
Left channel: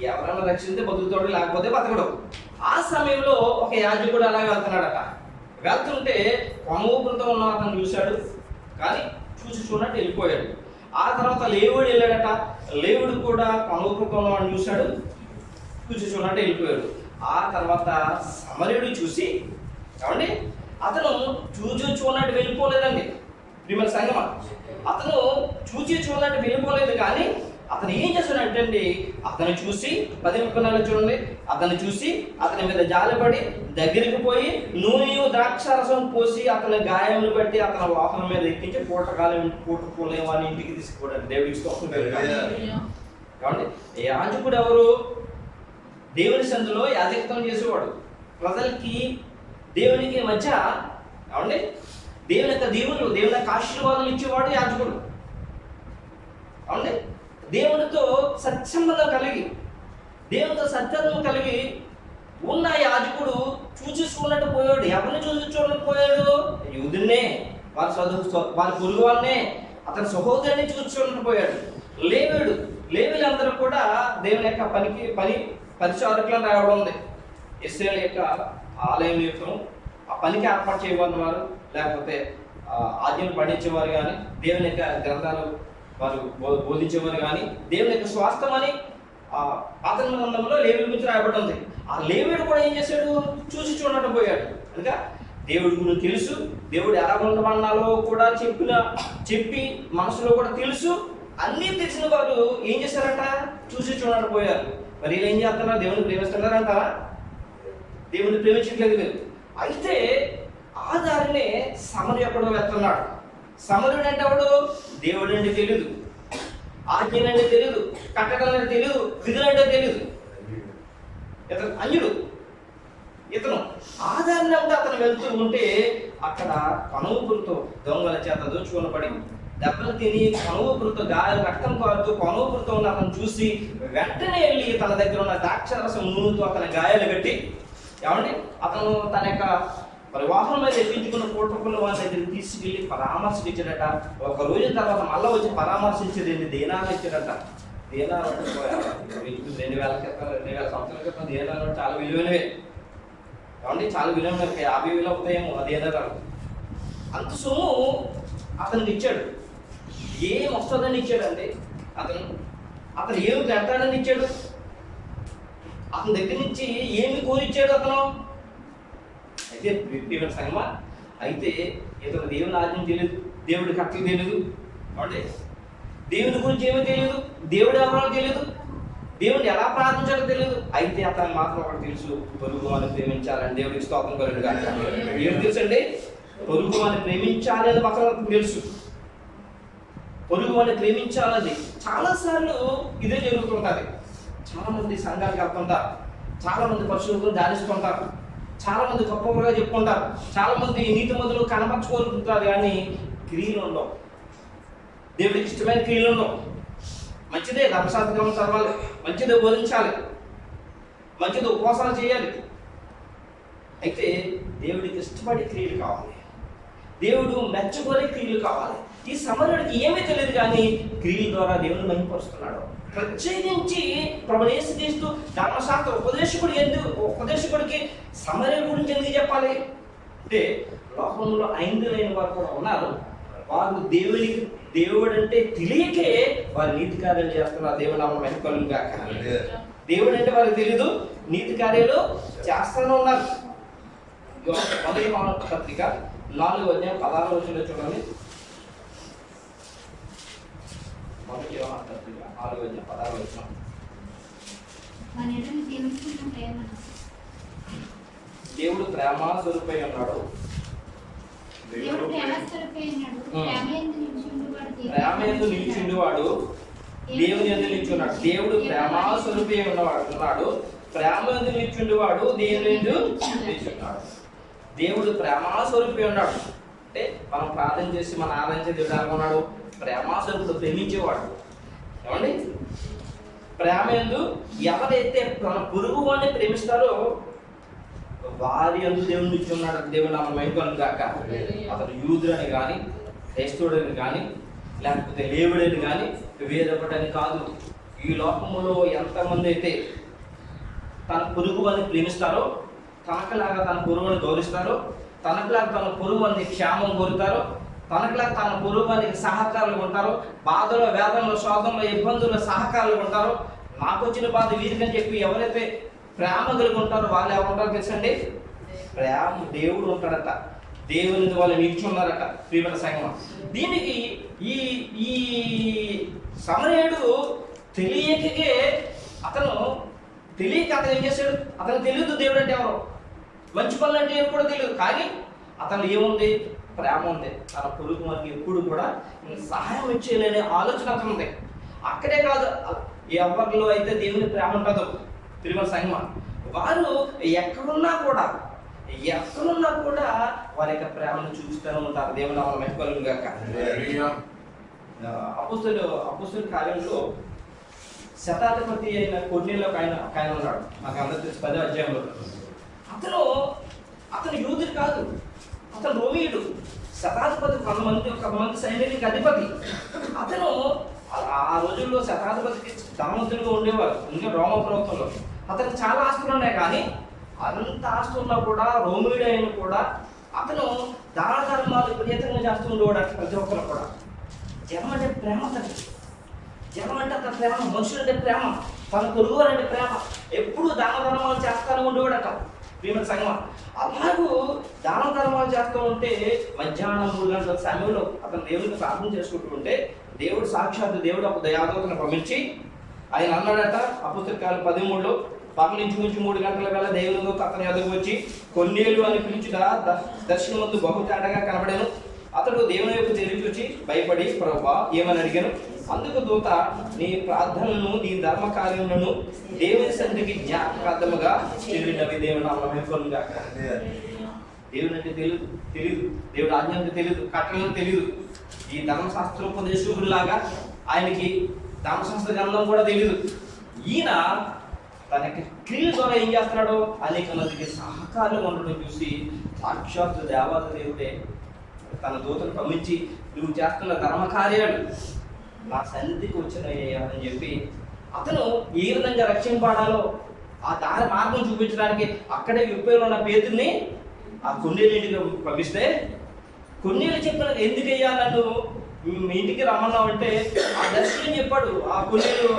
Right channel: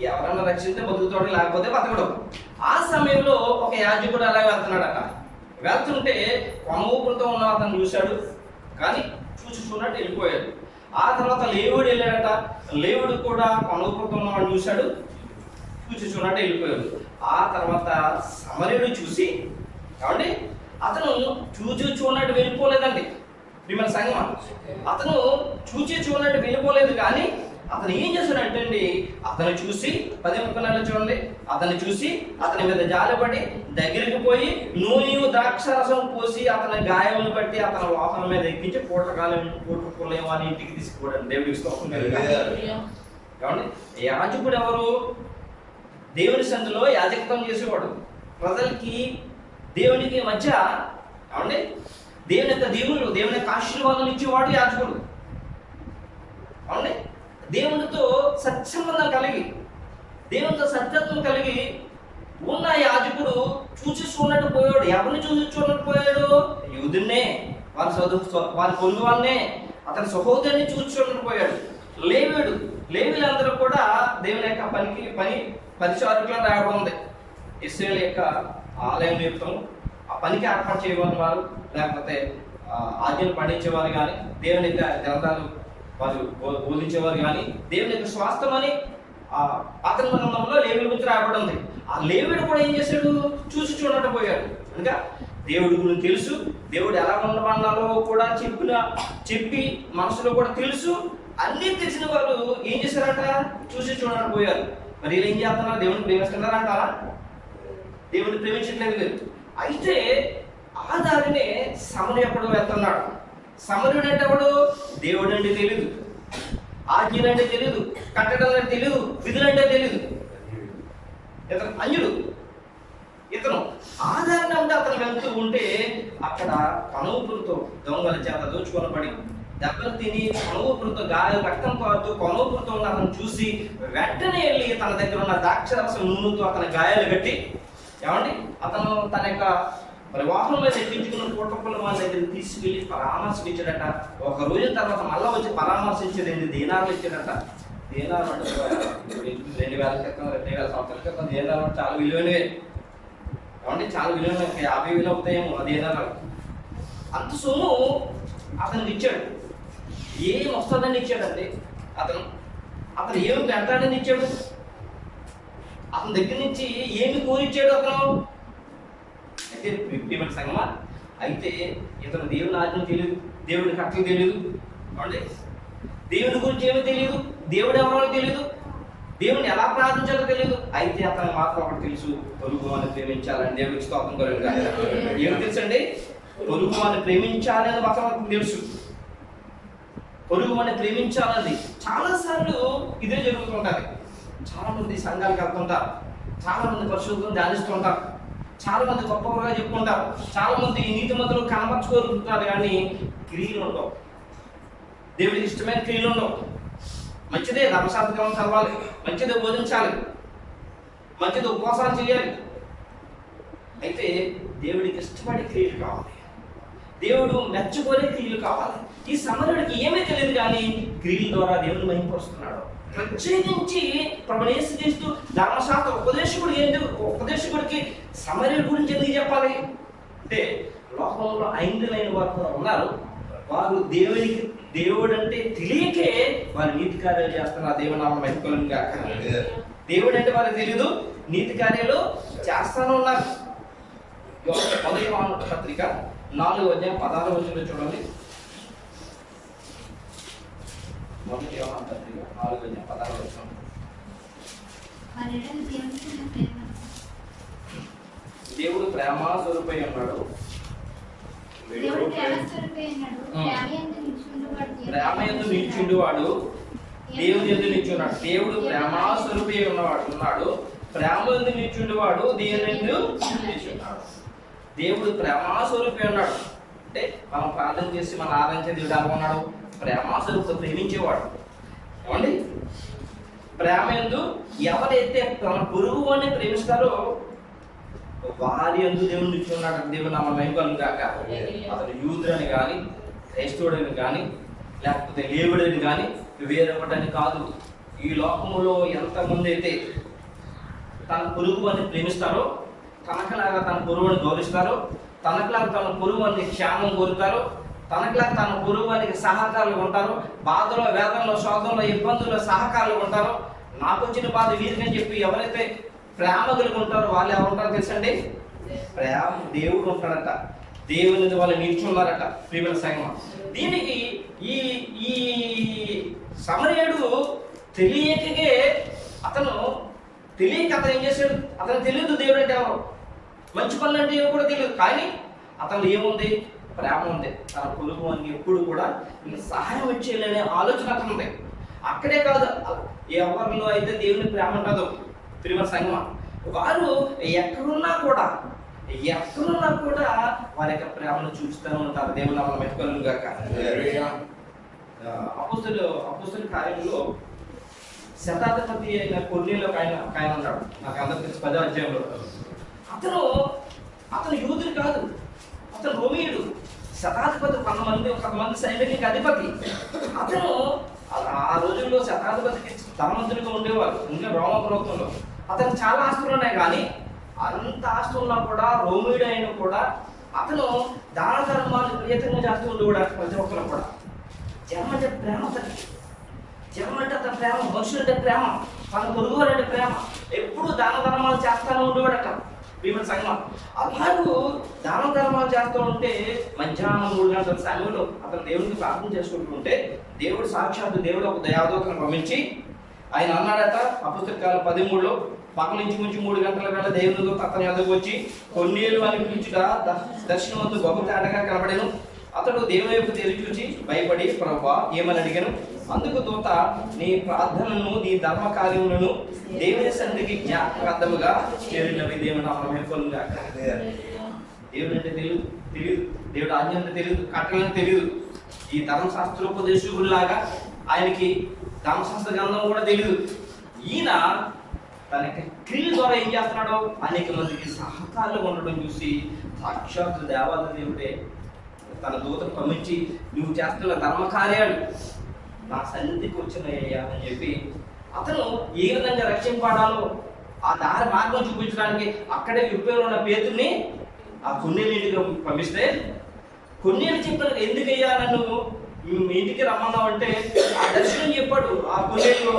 ఎవరైనా రక్షిస్తే బతుకుతాడు, లేకపోతే బతకడు. ఆ సమయంలో ఒక యాజకుడు అలాగే వెళ్తున్నాడట. వెళ్తుంటే కొనూపురుతో ఉన్న అతను చూశాడు, కానీ చూడట్టు వెళ్ళిపోయాడు. ఆ తర్వాత లేవుడు వెళ్ళాడట. లేవుడు కూడా కొనూపురుతో ఉన్నవాడు చూశాడు, చూడట్టు వెళ్ళిపోయాడు. ఆ తర్వాత సమరయుడు చూసి ఏమండి అతను చూడనట్టు వెళ్ళిపోలేదండి. ప్రియమైన సంగమా, అతను చూడనట్టు వెళ్ళిపోలేదు. కానీ అతను ఏం చేస్తున్నాడంటే అండి, అతను చూసి 10 నెలలు చూడండి, అతను చూసి అతని మీద జాలిపడి దగ్గరికి పోయి నూనె ద్రాక్షరసం పోసి అతని గాయములు బట్టి అతని వాహనం మీద ఎక్కించి పూటకోలేవాని ఇంటికి తీసుకుపోయాడు. దేవుడికి స్తోత్రం కాబట్టి యాజకుడు ఎవరు? దేవుని సందులో యాజకత్వం చేసేవాడు. ప్రజలకి దేవునికి మధ్య ఏమండి దేవుని యొక్క దీవులు, దేవుని యొక్క ఆశీర్వాదాలు ఇచ్చేవాడు యాజకుడు. అవునండి, దేవునితో సత్సంబంధం కలిగి, దేవునితో సత్యత్వం కలిగి ఉన్న యాజకుడు చూసి చూడనట్టు పోయాడు. ఎవరిని చూసి చూడనట్టు పోయాడు? యూదున్నే, వారి పొరుగు వాడినే, అతని సహోదరుని చూసి చూడనట్టు పోయాడు. లేవీలందరూ కూడా దేవుని యొక్క పరిచారకులను రావడం ఉంది. ఇశ్రాయేలు యొక్క ఆలయం నిమిత్తం ఆ పనికి ఏర్పాటు చేయబడినవారు, లేకపోతే ఆజ్ఞలు పండించేవారు కానీ, దేవుని యొక్క గ్రంథాలు వారు బోధించేవారు కానీ, దేవుని యొక్క స్వాస్థ్యమని పాత గ్రంథంలో లేవీల గురించి రాయబడి ఉంది. ఆ లేవీడు కూడా ఏం చేశాడు? చూసి చూడనట్టు పోయాడు. కనుక దేవుడి గురించి తెలుసు, దేవుడు ఎలా ఉండమన్నాలో కూడా చెప్పి మనసులో కూడా తెలుసు. అన్నీ తెలిసిన వారు ఏం చేశారంట? చూసి చూడనట్టు పోయారు. మరి వీళ్ళు ఏం చేస్తున్నారు? దేవుడిని ప్రేమిస్తున్నారంటారా? దేవుడిని ప్రేమించట్లేదు లేదు. అయితే ఆ దారినే సమరు ఎక్కడో వెళ్తున్నాడు. సమరుడు అంటే ఎవడు? దేవుడు అంటే తెలీదు, ఆజ్ఞలు అంటే తెలీదు, కట్టడం అంటే తెలీదు, విధులు అంటే తెలీదు. ఇతను అన్యుడు. ఇతను ఆధారణ ఉంటే అతను వెళ్తూ ఉంటే అక్కడ కనువుపురుతో దొంగల చేత దోచుకొనబడి దెబ్బలు తిని కనువుపురుతో గాయాలు రక్తం కారుతూ కనువుపురుతో ఉన్న అతను చూసి వెంటనే వెళ్ళి తన దగ్గర ఉన్న ద్రాక్షరసం నూనెతో అతని గాయాలు కట్టి, ఏమండి, అతను తన యొక్క వాహనం మీద ఎక్కించుకున్న పూటకున్న వాళ్ళ దగ్గరికి తీసుకెళ్ళి పరామర్శించాడట. ఒక రోజు తర్వాత మళ్ళీ వచ్చి పరామర్శించేది 2 దీనాలు ఇచ్చాడట. దీనాలు అంటే 2000 సంవత్సరాల క్రితం దీనాలు చాలా విలువైనవే. ఏమండి, చాలా విలువైన 50,000 అవుతాయేమో ఆ దీనాలు. అంత సొమ్ము అతనికి ఇచ్చాడు. ఏం వస్తుందని ఇచ్చాడండి అతను ఏమి పెట్టాలని ఇచ్చాడు? అతని దగ్గర నుంచి ఏమి కోరిచ్చాడు అతను? అయితే ప్రియమైన సంగమా, అయితే ఇతను దేవుని ఆజ్ఞ తెలియదు, దేవుడి కట్టలు తెలియదు, అంటే దేవుని గురించి ఏమీ తెలియదు, దేవుడు ఎవరో తెలియదు, దేవుడిని ఎలా ప్రార్థించాలో తెలియదు. అయితే అతనికి మాత్రం ఒకటి తెలుసు, పొరుగు అని ప్రేమించాలని. దేవుడికి స్తోత్రం కలుగును గాక. ఏమి తెలుసు అండి? పొరుగు అని ప్రేమించాలి అని మాత్రం తెలుసు. పొరుగు అని ప్రేమించాలది చాలాసార్లు ఇదే జరుగుతుంటుంది. చాలా మంది సంఘాలకు వెళ్తుంటారు, చాలా మంది పరిశుద్ధులను ధ్యానిస్తుంటారు, చాలా మంది గొప్పగా చెప్పుకుంటారు, చాలా మంది నీతి మందులు కనపరచుకోరుకుంటారు, కానీ క్రియలు ఉండవు. దేవుడికి ఇష్టమైన క్రియలు ఉండవు. మంచిదే ధర్మశాస్త్రం చదవాలి, మంచిదే బోధించాలి, మంచిది ఉపవాసాలు చేయాలి. అయితే దేవుడికి ఇష్టపడే క్రియలు కావాలి, దేవుడు మెచ్చుకోలే క్రియలు కావాలి. ఈ సమరుడికి ఏమీ తెలియదు, కానీ క్రియల ద్వారా దేవుని మహిమపరుస్తున్నాడు. ప్రత్యేకించి ప్రభువు యేసుక్రీస్తు ధర్మశాస్త్ర ఉపదేశకుడికి సమరయుల గురించి ఎందుకు చెప్పాలి అంటే, లోకంలో ఐంద్రులైన వారు కూడా ఉన్నారు. వారు దేవుడు అంటే తెలియకే వారు నీతి కార్యాలు చేస్తున్నారు. దేవుని నామం మహిమ కలుగును గాక. దేవుడు అంటే వారికి తెలీదు, నీతి కార్యాలు చేస్తానే ఉన్నారు. మొదటి యోహాను పత్రిక 4:16 చూడండి. మొదటి యోహాను పత్రిక 4:16. దేవుడు ప్రేమ స్వరూపై ఉన్నాడు. ప్రేమ యందు నిలిచిండువాడు దేవుని యందు నిలిచున్నాడు. దేవుడు ప్రేమ స్వరూపై ఉన్నాడు. ప్రేమ యందు నిలిచిండువాడు దేవుని యందు నిలిచున్నాడు. దేవుడు ప్రేమ స్వరూపై ఉన్నాడు అంటే మనం ప్రార్థన చేసి మనం ఆరాధించే దేవుడు ఎలా ఉన్నాడు? ప్రేమ స్వరూపుడు, ప్రేమించేవాడు. ఏమండి, ప్రేమ యందు ఎవరైతే తన పొరుగు వాడిని ప్రేమిస్తారో వారి యందు దేవుని నుంచి ఉన్నాడు. దేవుని నామం మహిమ కలుగును గాక. అతను యూదుడని కానీ, క్రైస్తవుడని కానీ, లేకపోతే లేవుడని కానీ, వేరొకటని కాదు. ఈ లోకములో ఎంతమంది అయితే తన పొరుగు వారిని ప్రేమిస్తారో, తనకులాగా తన పొరుగుని గౌరవిస్తారో, తనకులాగా తన పొరుగు వారిని క్షేమం కోరుతారో, తనకులాగా తన పొరుగు వారికి సహకారులు ఉంటారో, బాధలో, వేదనలో, శోధనలో, ఇబ్బందుల్లో సహకారులు ఉంటారో, నాకు వచ్చిన బాధ వీరికని చెప్పి ఎవరైతే ప్రేమ కలిగి ఉంటారో వాళ్ళు ఎవరు ఉంటారో తెలుసండి? ప్రేమ దేవుడు ఉంటాడట. దేవుని వాళ్ళు నిల్చున్నారట. ప్రియమైన సంగమం, దీనికి ఈ ఈ సమరయుడు తెలియకే అతను ఏం చేశాడు? అతను తెలియదు దేవుడు అంటే ఎవరు, మంచి పనులు అంటే ఏమో కూడా తెలియదు. కానీ అతను ఏముంది? ప్రేమ ఉంది. తన పొరుగు వారికి ఎప్పుడు కూడా సహాయం చేయలేనే ఆలోచన అతను ఉంది. అక్కడే కాదు, ఎవరిలో అయితే దేవుని ప్రేమ ఉంటుందో ప్రియమైన సంగమం, వారు ఎక్కడున్నా కూడా వారి యొక్క ప్రేమను చూపిస్తూనే ఉంటారు. దేవుని నామమున మహిమ కలుగును గాక. అపోస్తలుల కార్యంలో శతాధిపతి అయిన కొర్నేలియు ఒక ఆయన ఉన్నాడు, నాకు అందరికి తెలిసి 10వ అధ్యాయంలో. అతను యూదుడు కాదు, అతను రోమీయుడు, శతాధిపతి, కొంతమంది సైనికునికి అధిపతి. అతను ఆ రోజుల్లో శతాధిపతికి ధనవంతులుగా ఉండేవారు, ఇంకా రోమ ప్రభుత్వంలో. అతనికి చాలా ఆస్తులు ఉన్నాయి, కానీ అంత ఆస్తి ఉన్నా కూడా, రోమీయుడు అయిన కూడా అతను దాన ధర్మాలు విపరీతంగా చేస్తూ ఉండేవాడు. ప్రతి ఒక్కరు కూడా జనం అంటే ప్రేమ, జనం అంటే అతని ప్రేమ, మనుషులంటే ప్రేమ, తన పొరుగువారు అంటే ప్రేమ, ఎప్పుడు దాన ధర్మాలు చేస్తానే ఉండేవాడట. ప్రియమైన సంగమా, అలాగూ దాన ధర్మాలు చేస్తూ ఉంటే మధ్యాహ్నం 3 గంటల సమయంలో అతను దేవునికి ప్రార్థన చేసుకుంటుంటే సాక్షాత్తు దేవుడు ఒక దయాదూతను పంపించి ఆయన అన్నాడట, అపోస్తలుల 13లో, పగలించుకుంచి 3 గంటల వేళ దేవుని దూత అతని ఎదుగు వచ్చి కొర్నేలియు అని పిలుచుట దర్శనమందు బహు తేటగా కనబడెను. అతడు దేవుని వైపు తేరి చూచి భయపడి, ప్రభువా ఏమని అడిగాను. అందుకు దూత, నీ ప్రార్థనలను, నీ ధర్మ కార్యములను దేవుని సన్నిధికి జ్ఞాపకార్థముగా చేరినవి. దేవుని నామమున గాక. దేవుని అంటే తెలియదు, దేవుడు ఆజ్ఞ అంటే తెలియదు, కట్టలను తెలియదు. ఈ ధర్మశాస్త్రోపదేశకుడిలాగా ఆయనకి ధర్మశాస్త్ర గ్రంథం కూడా తెలియదు. ఈయన తన క్రియల ద్వారా ఏం చేస్తున్నాడో అనేక మందికి సహకారులు ఉండడం చూసి సాక్షాత్తు దేవాది దేవుడే తన దూతను పంపించి, నువ్వు చేస్తున్న ధర్మ కార్యాలు నా సన్నిధికి వచ్చినాయ్యా అని చెప్పి అతను ఏ విధంగా రక్షింపడాలో ఆ దారి మార్గం చూపించడానికి అక్కడే యుద్ధంలో ఉన్న పేతుర్ని ఆ కొర్నేలియుడికి పంపిస్తే, కొర్నేలియు చెప్పిన, ఎందుకయ్యా నన్ను మీ ఇంటికి రమ్మన్నావు అంటే ఆ దర్శనం చెప్పాడు ఆ కొర్నేలియు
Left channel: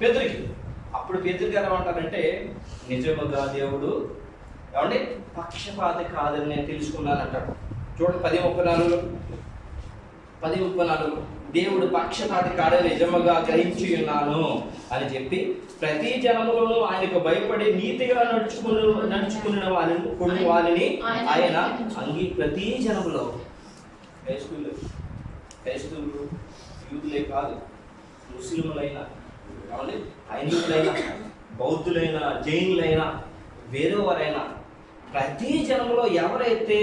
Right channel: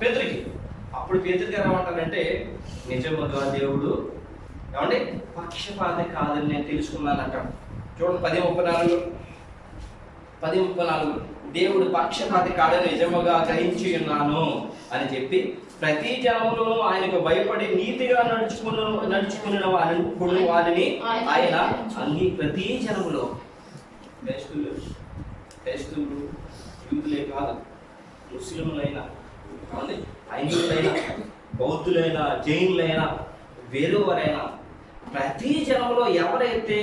పేతురికి. అప్పుడు పేతురు గారు ఏమంటారంటే, నిజముగా దేవుడు ఏమంటే పక్షపాతి కాదని నేను తెలుసుకున్నాను అంటాడు. చూడండి 10:34 దేవుడు పక్షపాతి కాడని నిజముగా గ్రహించి ఉన్నాను అని చెప్పి, ప్రతి జనములను ఆయనకు భయపడి నీతిగా నడుచుకున్న వారిని ఆయన ప్రతి జనములో క్రైస్తవులు యూదులే కాదు, ముస్లింలైనా, హైందువులైనా, బౌద్ధులైనా, జైనులైనా, వేరేవారైనా, ప్రతి జనములో ఎవరైతే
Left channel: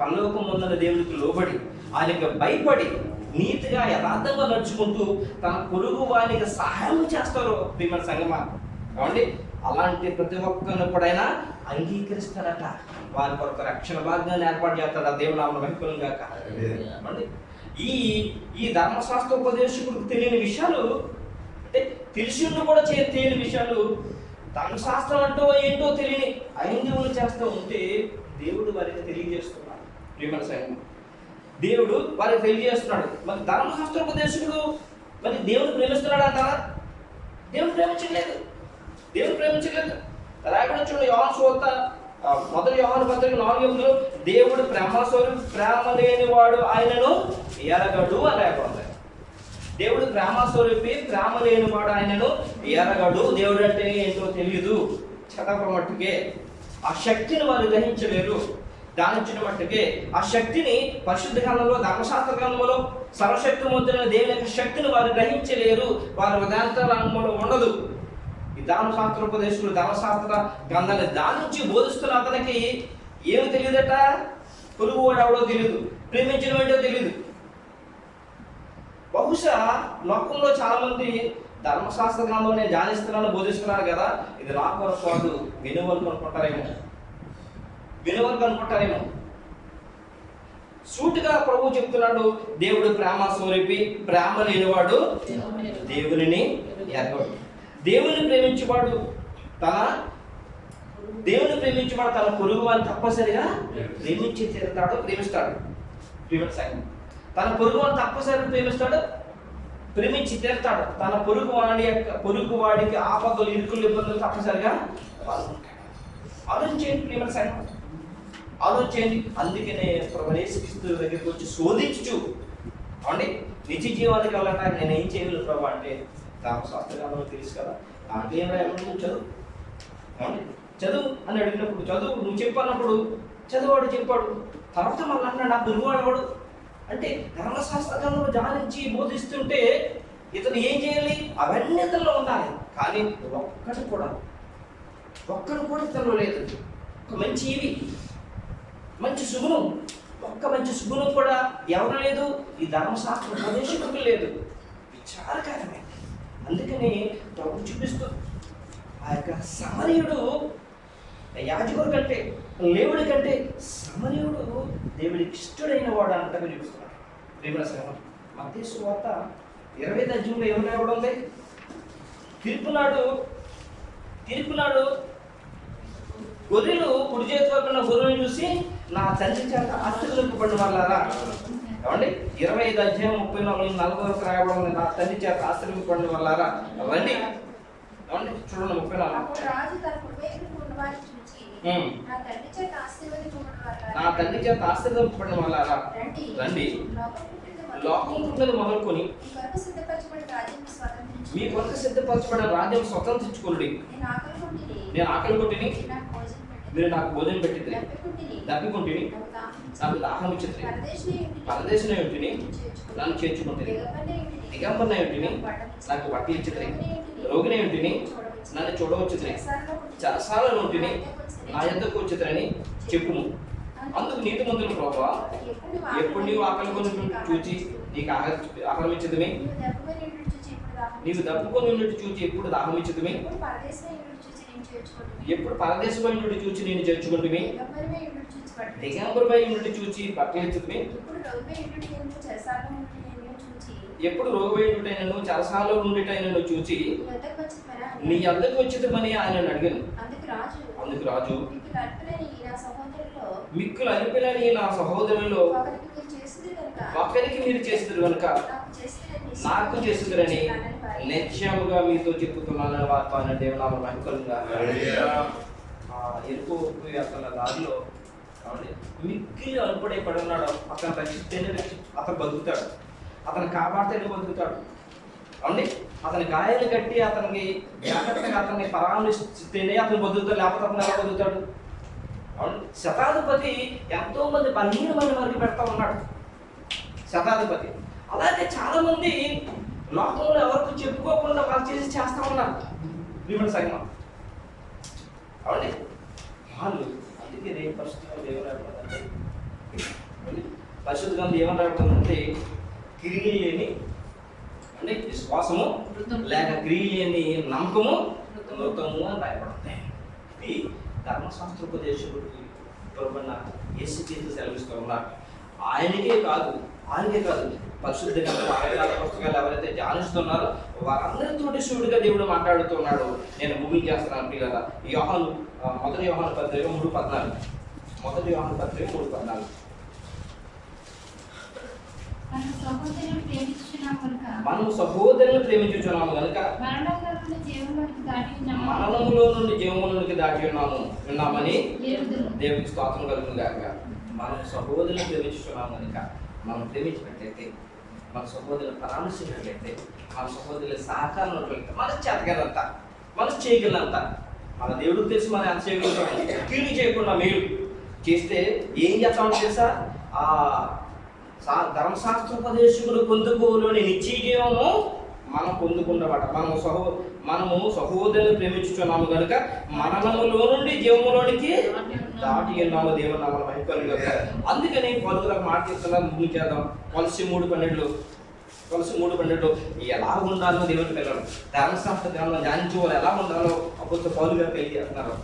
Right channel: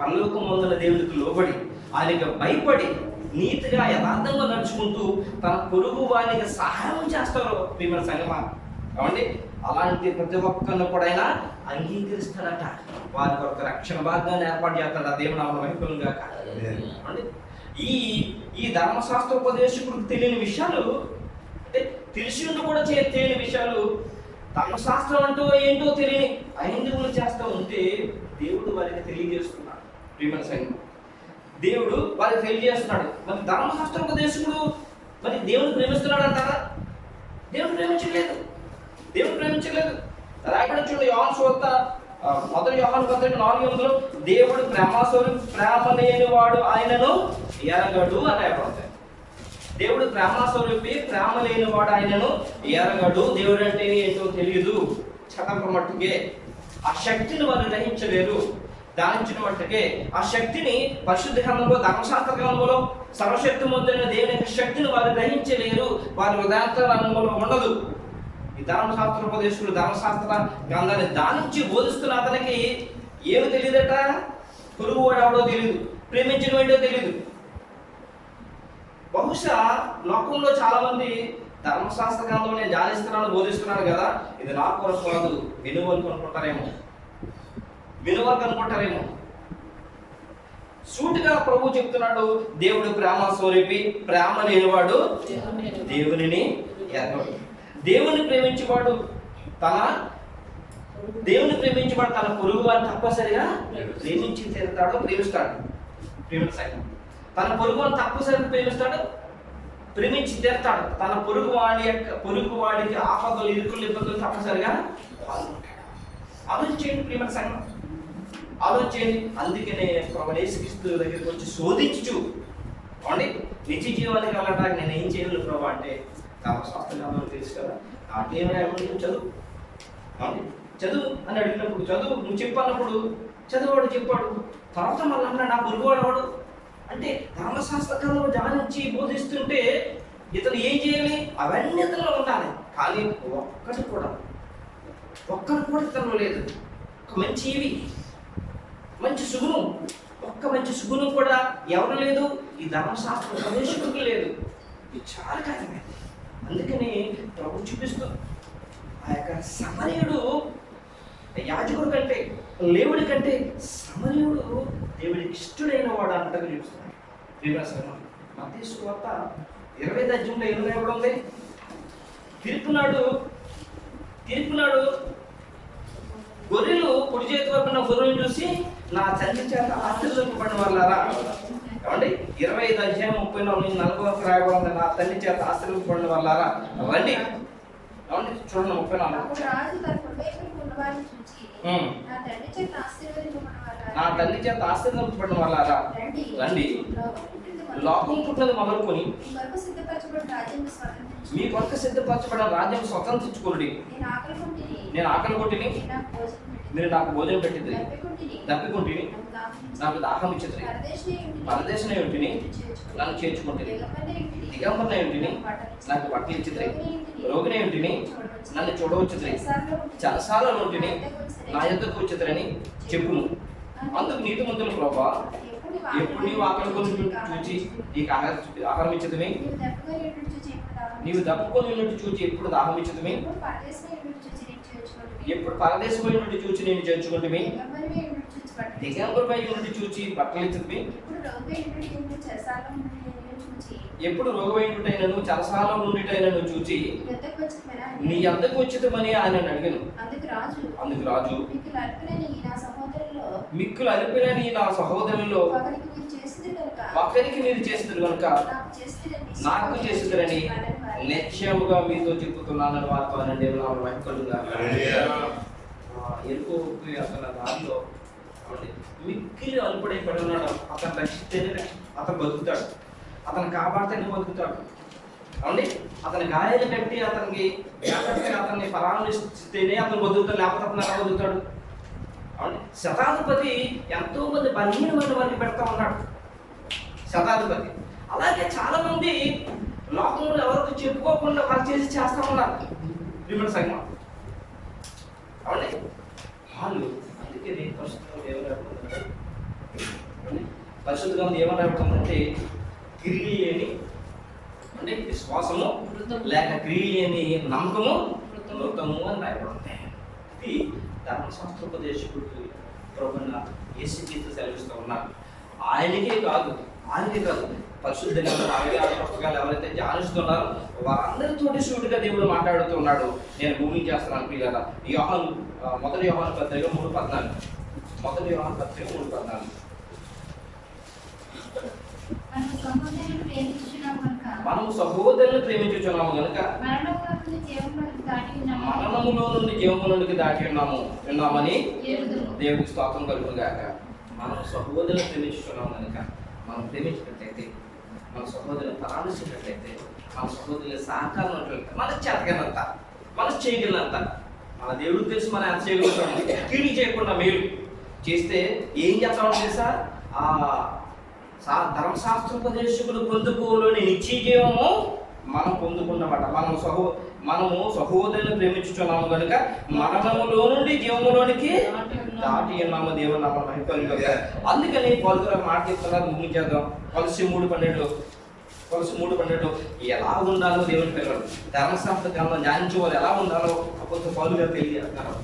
పరలోకం పొందిన దేవునికి లోబడి ఆయనకు భయపడి నీతిగా యథార్థంగా నడుచుకుంటూ తన పొరుగు వారికి సహాయం చేస్తారో ప్రియమైన సంగమా, అలాంటి ప్రతి ఒక్కరిని కూడా ఆయన అంగీకరిస్తాడట. వారి కొరకు రక్షణ భాగాన్ని ఏర్పాటు చేస్తాడు. ఆ దేవుని నామమున మహిమకలుగును గాక. ఈ ధర్మశాస్త్రోపదేశకుడికి తెలియని విషయాలు, అంటే తెలిసి కూడా తెలియని విషయాలు, ధర్మశాస్త్రం అంటూ ఏంటో తెలియని హైందువులు చేస్తూ ఉంటే దేవుడు వారికి తెలియజేస్తున్నాడు. ప్రియమైన సంగమా, దేవుడు వారికి తెలియజేస్తున్నాడు. మరి ధర్మశాస్త్రోపదేశకుడు మరి దేవుని ప్రేమిస్తున్నాడు అంటారా? దేవుని ప్రేమించలేదు. రాయబడి చూడండి, యోహాను సువార్త 1 యోహాను పత్రిక 4:8 దేవుడు ప్రేమ లేనివాడు ఆయనను ఎరగడు అని రాయబడింది. దేవుడు ప్రేమస్వరూపి, ప్రేమ లేనివాడు ఆయనను ఎరగడు. దేవుడు అంటే ఏంటో తెలియదు, చదవ మట్టుకే. ఆ శక్తిని వారు గ్రహించలేరు, ధ్యానించిన మట్టుకే. ఆ శక్తిని పరిశుద్ధ గ్రంథంలో, ధర్మశాస్త్ర గ్రంథంలో సర్వశక్తిమంతుడైన దేవుని యొక్క శక్తిని వారు గ్రహించలేరు. వారి వేదాంత రంగంలో ఉండదు. ఈ ధర్మశాస్త్రోపదేశకుడు ధర్మశాస్త్ర గ్రంథాన్ని ధ్యానించి బోధిస్తున్న అతనికి ఏమి తెలియదట? పొరుగువాడు ఎవడో తెలియదు, ప్రేమించడం ఏంటో తెలియదు. బహుశా లోకంలో చాలా మంది ధర్మశాస్త్ర గ్రంథం నేను ధ్యానిస్తున్నాను, బోధిస్తున్నాను కదా, ఇది నా కొరకు కాదు, వినువలకు అనుకుంటారేమో. సూటిగా ప్రభు చెప్తున్నాడు, దేవుడు ప్రేమ స్వరూపి, ప్రేమ లేనివాడు దేవునిని ఎరగడు. దేవుని ప్రేమించేవాడు తన పొరుగు వారిని తప్పనిసరిగా ప్రేమిస్తాడు. తన పొరుగు వారిని తప్పనిసరిగా ప్రేమించి తీరుతాడు. తన పొరుగు వాడికి ఆపదలు, ఇరుకులు, ఇబ్బందులు తప్పనిసరిగా ఆలోచించండి. ప్రియమైన సంఘం, ఆలోచించండి. అందుకనే ప్రభువైన యేసుక్రీస్తు దగ్గరికి వచ్చి శోధించు నిత్య జీవానికి వెళ్ళడానికి నేను ఏం చేయగలను ప్రభు అంటే, ధర్మశాస్త్రం తెలుసు కదా, నాకేం రాయమని చదువు అని అడిగినప్పుడు, చదువు నువ్వు చెప్పన్నప్పుడు చదువువాడు చెప్పాడు. తర్వాత మళ్ళీ అన్నాడు, నా పొరుగువాడు ఎవడు అంటే, ధర్మశాస్త్ర గ్రంథం ధ్యానించి బోధిస్తుంటే ఇతను ఏం చేయాలి? అవన్నీ ఇతరులో ఉండాలి, కానీ ఒక్కటి కూడా ఇతరులో లేదు. ఒక మంచి సుగుణం, మంచి సుగుణం కూడా ఎవరు లేదు? ఈ ధర్మశాస్త్ర ఉపదేశకుడికి లేదు. విచారకరమే. అందుకని ప్రభు చూపిస్తూ ఆ యొక్క సమరయుడు యాజకుడి కంటే లేవుడి కంటే సమరయుడు దేవుడికి ఇష్టడైన వాడు అంతగా చూపిస్తున్నాడు. ప్రియమైన మత్తయి సువార్త 20వ అధ్యాయంలో ఏమన్నా ఇవ్వడం ఉంది? తీర్పునాడు గొర్రెలు కుడి చేతి వైపున గొర్రెలు చూసి నా తండ్రి చేత ఆశీర్వదింపబడిన వాళ్ళారా. ఏమండి 25వ అధ్యాయం 34-40 వరకు రాయబడింది, నా తండ్రి చేత ఆశీర్వదింపబడిన వాళ్ళారా రండి. ఏమండి చూడండి 34. రాజు తన కుడి వైపున ఉన్నవారిని చూచి నా తండ్రి చేత ఆశీర్వదింపబడిన వాళ్ళారా రండి. లోకం పుట్టినది మొదలుకొని మీ కొరకు సిద్ధపరచబడిన రాజ్యం స్వతంత్రించుకోండి. నేను ఆకలి కొట్టిని, మీరు నాకు భోజనం పెట్టింది, దప్పికుంటిని, నాకు దాహం ఇచ్చింది, పరదేశనే ఉంటిని, నన్ను చేర్చుకుంటుంది, దిగంబరనే ఉంటిని, నాకు బట్టలు ఇచ్చింది, రోగినే ఉంటిని, నన్ను చూడవచ్చుద్రి, చెరసాలలో ఉంటిని, నా యొద్దకు వచ్చిద్రని చెప్పుము. అందుకు నీతిమంతులు ప్రభా, ఎప్పుడు నీవు ఆకలి కొని చూచి నీకు ఆహారం ఇచ్చదుమే, నీవు దప్పుకొని ఉన్నట్టు చూచి ఎప్పుడు దాహం ఇచ్చదుమే, ఎప్పుడు పరదేశమైన నుండి చూచి నేను చేర్చుకుంటుమే, దిగంబరపై నుండి చూచి బట్టలు ఇచ్చదుమే, ఎప్పుడు రోగమైనటైనను చెరసాలలో నుండిటైనను చూచి నీ యొద్దకు వచ్చిదమని ఆయన అడిగాను. అందుకు రాజు మిక్కులు అలిపిలని నా సహోదరుల్లో ఒకరికి మీరు చేస్తున్నారు కనుక నాకు చేస్తురని నిశ్చయముగా మీతో చెప్పుతున్నానని వార్తానండి. దేవునామమున మహిమ కలుగుగాక. ఎరుకో అతని దారిలో మిక్కిలి అలుపడే పడి ఉన్నాడు. అతను రక్షిస్తేనే అతను బతుకుతాడు, అతను కాపాడితేనే బతుకుతాడు. అవునండి, అతని గాయాలు కట్టి అతనికి జాగ్రత్తగా అతన్ని పరామర్శిస్తేనే అతను బతుకుతాడు, లేకపోతే అతను ఎలా బతుకుతాడు? అవునండి, శతాధిపతి ఎంతో మంది 12 మంది వరకు పెడతా ఉన్నాడు శతాధిపతి. అలాగే చాలా మంది లోకంలో ఎవరికి చెప్పుకోకుండా వాళ్ళు చేస్తా ఉన్నారు ప్రియమైన సంఘం. అవునండి, వాళ్ళు అందుకే పరిశుద్ధ ఏమని రాబడుతుందంటే, పరిశుద్ధ గ్రంథం ఏమని రాబడుతుందంటే, క్రియలు లేని అంటే విశ్వాసము లేక క్రియలు లేని నమ్మకము మృతము అని రాయబడుతుంది. ఇది ధర్మశాస్త్రోపదేశకుడికి ప్రభువైన యేసుక్రీస్తు సెలవిస్తూ ఉన్నారు. ఆయనకే కాదు పరిశుద్ధ గ్రంథం 66 పుస్తకాలు ఎవరైతే ధ్యానిస్తున్నారో వారందరితోటి శివుడిగా దేవుడు మాట్లాడుతున్నాడు. నేను భూమికి చేస్తున్నాను పిల్లల. మొదటి యోహాను పత్రిక 3:14. మొదటి యోహాను పత్రిక 3:14. మనము సహోదరులను ప్రేమించుచున్నాము కనుక మరణములో నుండి జీవములోనికి దాటి ఉన్నామని దేవుడికి స్తోత్రం కలుగును గాక. మనం సహోదరులను ప్రేమించుచున్నాము కనుక మనం ప్రేమించినట్లయితే, మన సహోదరులను పరామర్శించినట్లయితే, మన సహోదరుల సహకారం ఉన్నట్లయితే మనకు చేతగానంత, మనకు చేయగలంత మన దేవుడికి తెలుసు మనం ఎంత చేయగలుగుతాము. కీడు చేయకుండా మేలు చేస్తే ఏం చేస్తామని తెలుసా? ఆ ధర్మశాస్త్రోపదేశకుడు పొందుకోలోని నిత్య జీవము మనం పొందుకున్నమాట. మనము సహోదరులను ప్రేమించుచున్నాము కనుక మరణములో నుండి జీవములోనికి దాటి ఉన్నాము. దేవుని నామమున మహిమ కలుగుగాక. అందుకని పౌలు గారు మాట చెప్తున్నారు, ముగించేద్దాం. కొలస్సీ 3:12 ఎలా ఉండాలో దేవుని పిల్లలు ధర్మశాస్త్ర గ్రంథం ధ్యానించే వాళ్ళు ఎలా ఉండాలో అప్పుడు పౌలు గారు తెలియజేస్తున్నారు.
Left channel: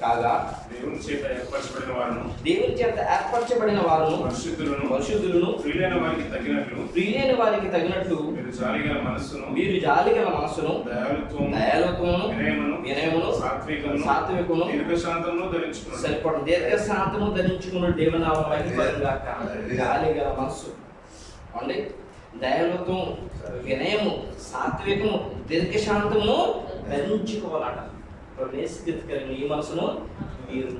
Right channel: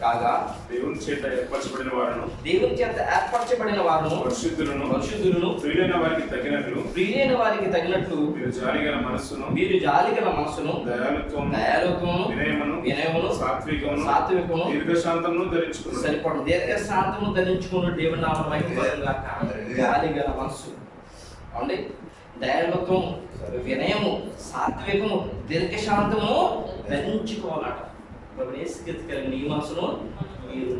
కాగా దేవుని చేత ఏర్పరచబడిన వారును పరిశుద్ధులను ప్రియులైన వారికి తగినట్లు మీరు జాలిగల మనస్సును దయాళుత్వమును వినయమును సాత్వికమును సరిపడు దీర్ఘశాంతము ధరించుకుని దేవుని నామమున మహిమ కలుగుగాక. జాలిగల మనస్సు అండి, దయాళుత్వం, వినయము, సాత్వికము, దీర్ఘశాంతము ధరించుకోవాలట. స్థితి కలిగిన ఈ మనసును మీరు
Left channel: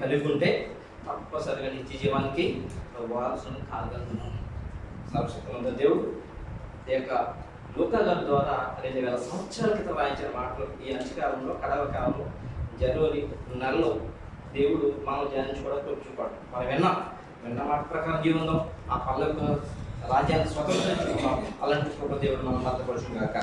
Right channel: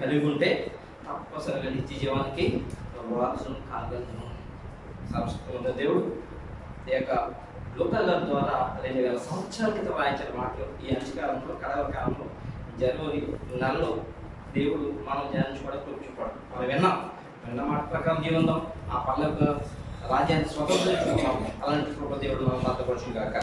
కలిగి ఉంటే తప్పనిసరిగా నిత్య జీవానికి వారసును కాగలను. సరస్వతి దేవుడు ఈ యొక్క లూకా గారి ద్వారా 2000 సంవత్సరాల క్రితం రాయించిన మాటలు ఈ అంచకాలంలో కడవ కాలంలో జనవరి నెలలో దేవుడు మనం ధ్యానించుకోవడం కూర్చుంటాడు. మనం విన్న మాట ప్రకారం జీవిందాం, ఆ పల్లెకు రాజ్యాన్ని స్వతంత్రించుకుందాం. అలాంటి దేవుడు మనం భద్రపరచుగాక.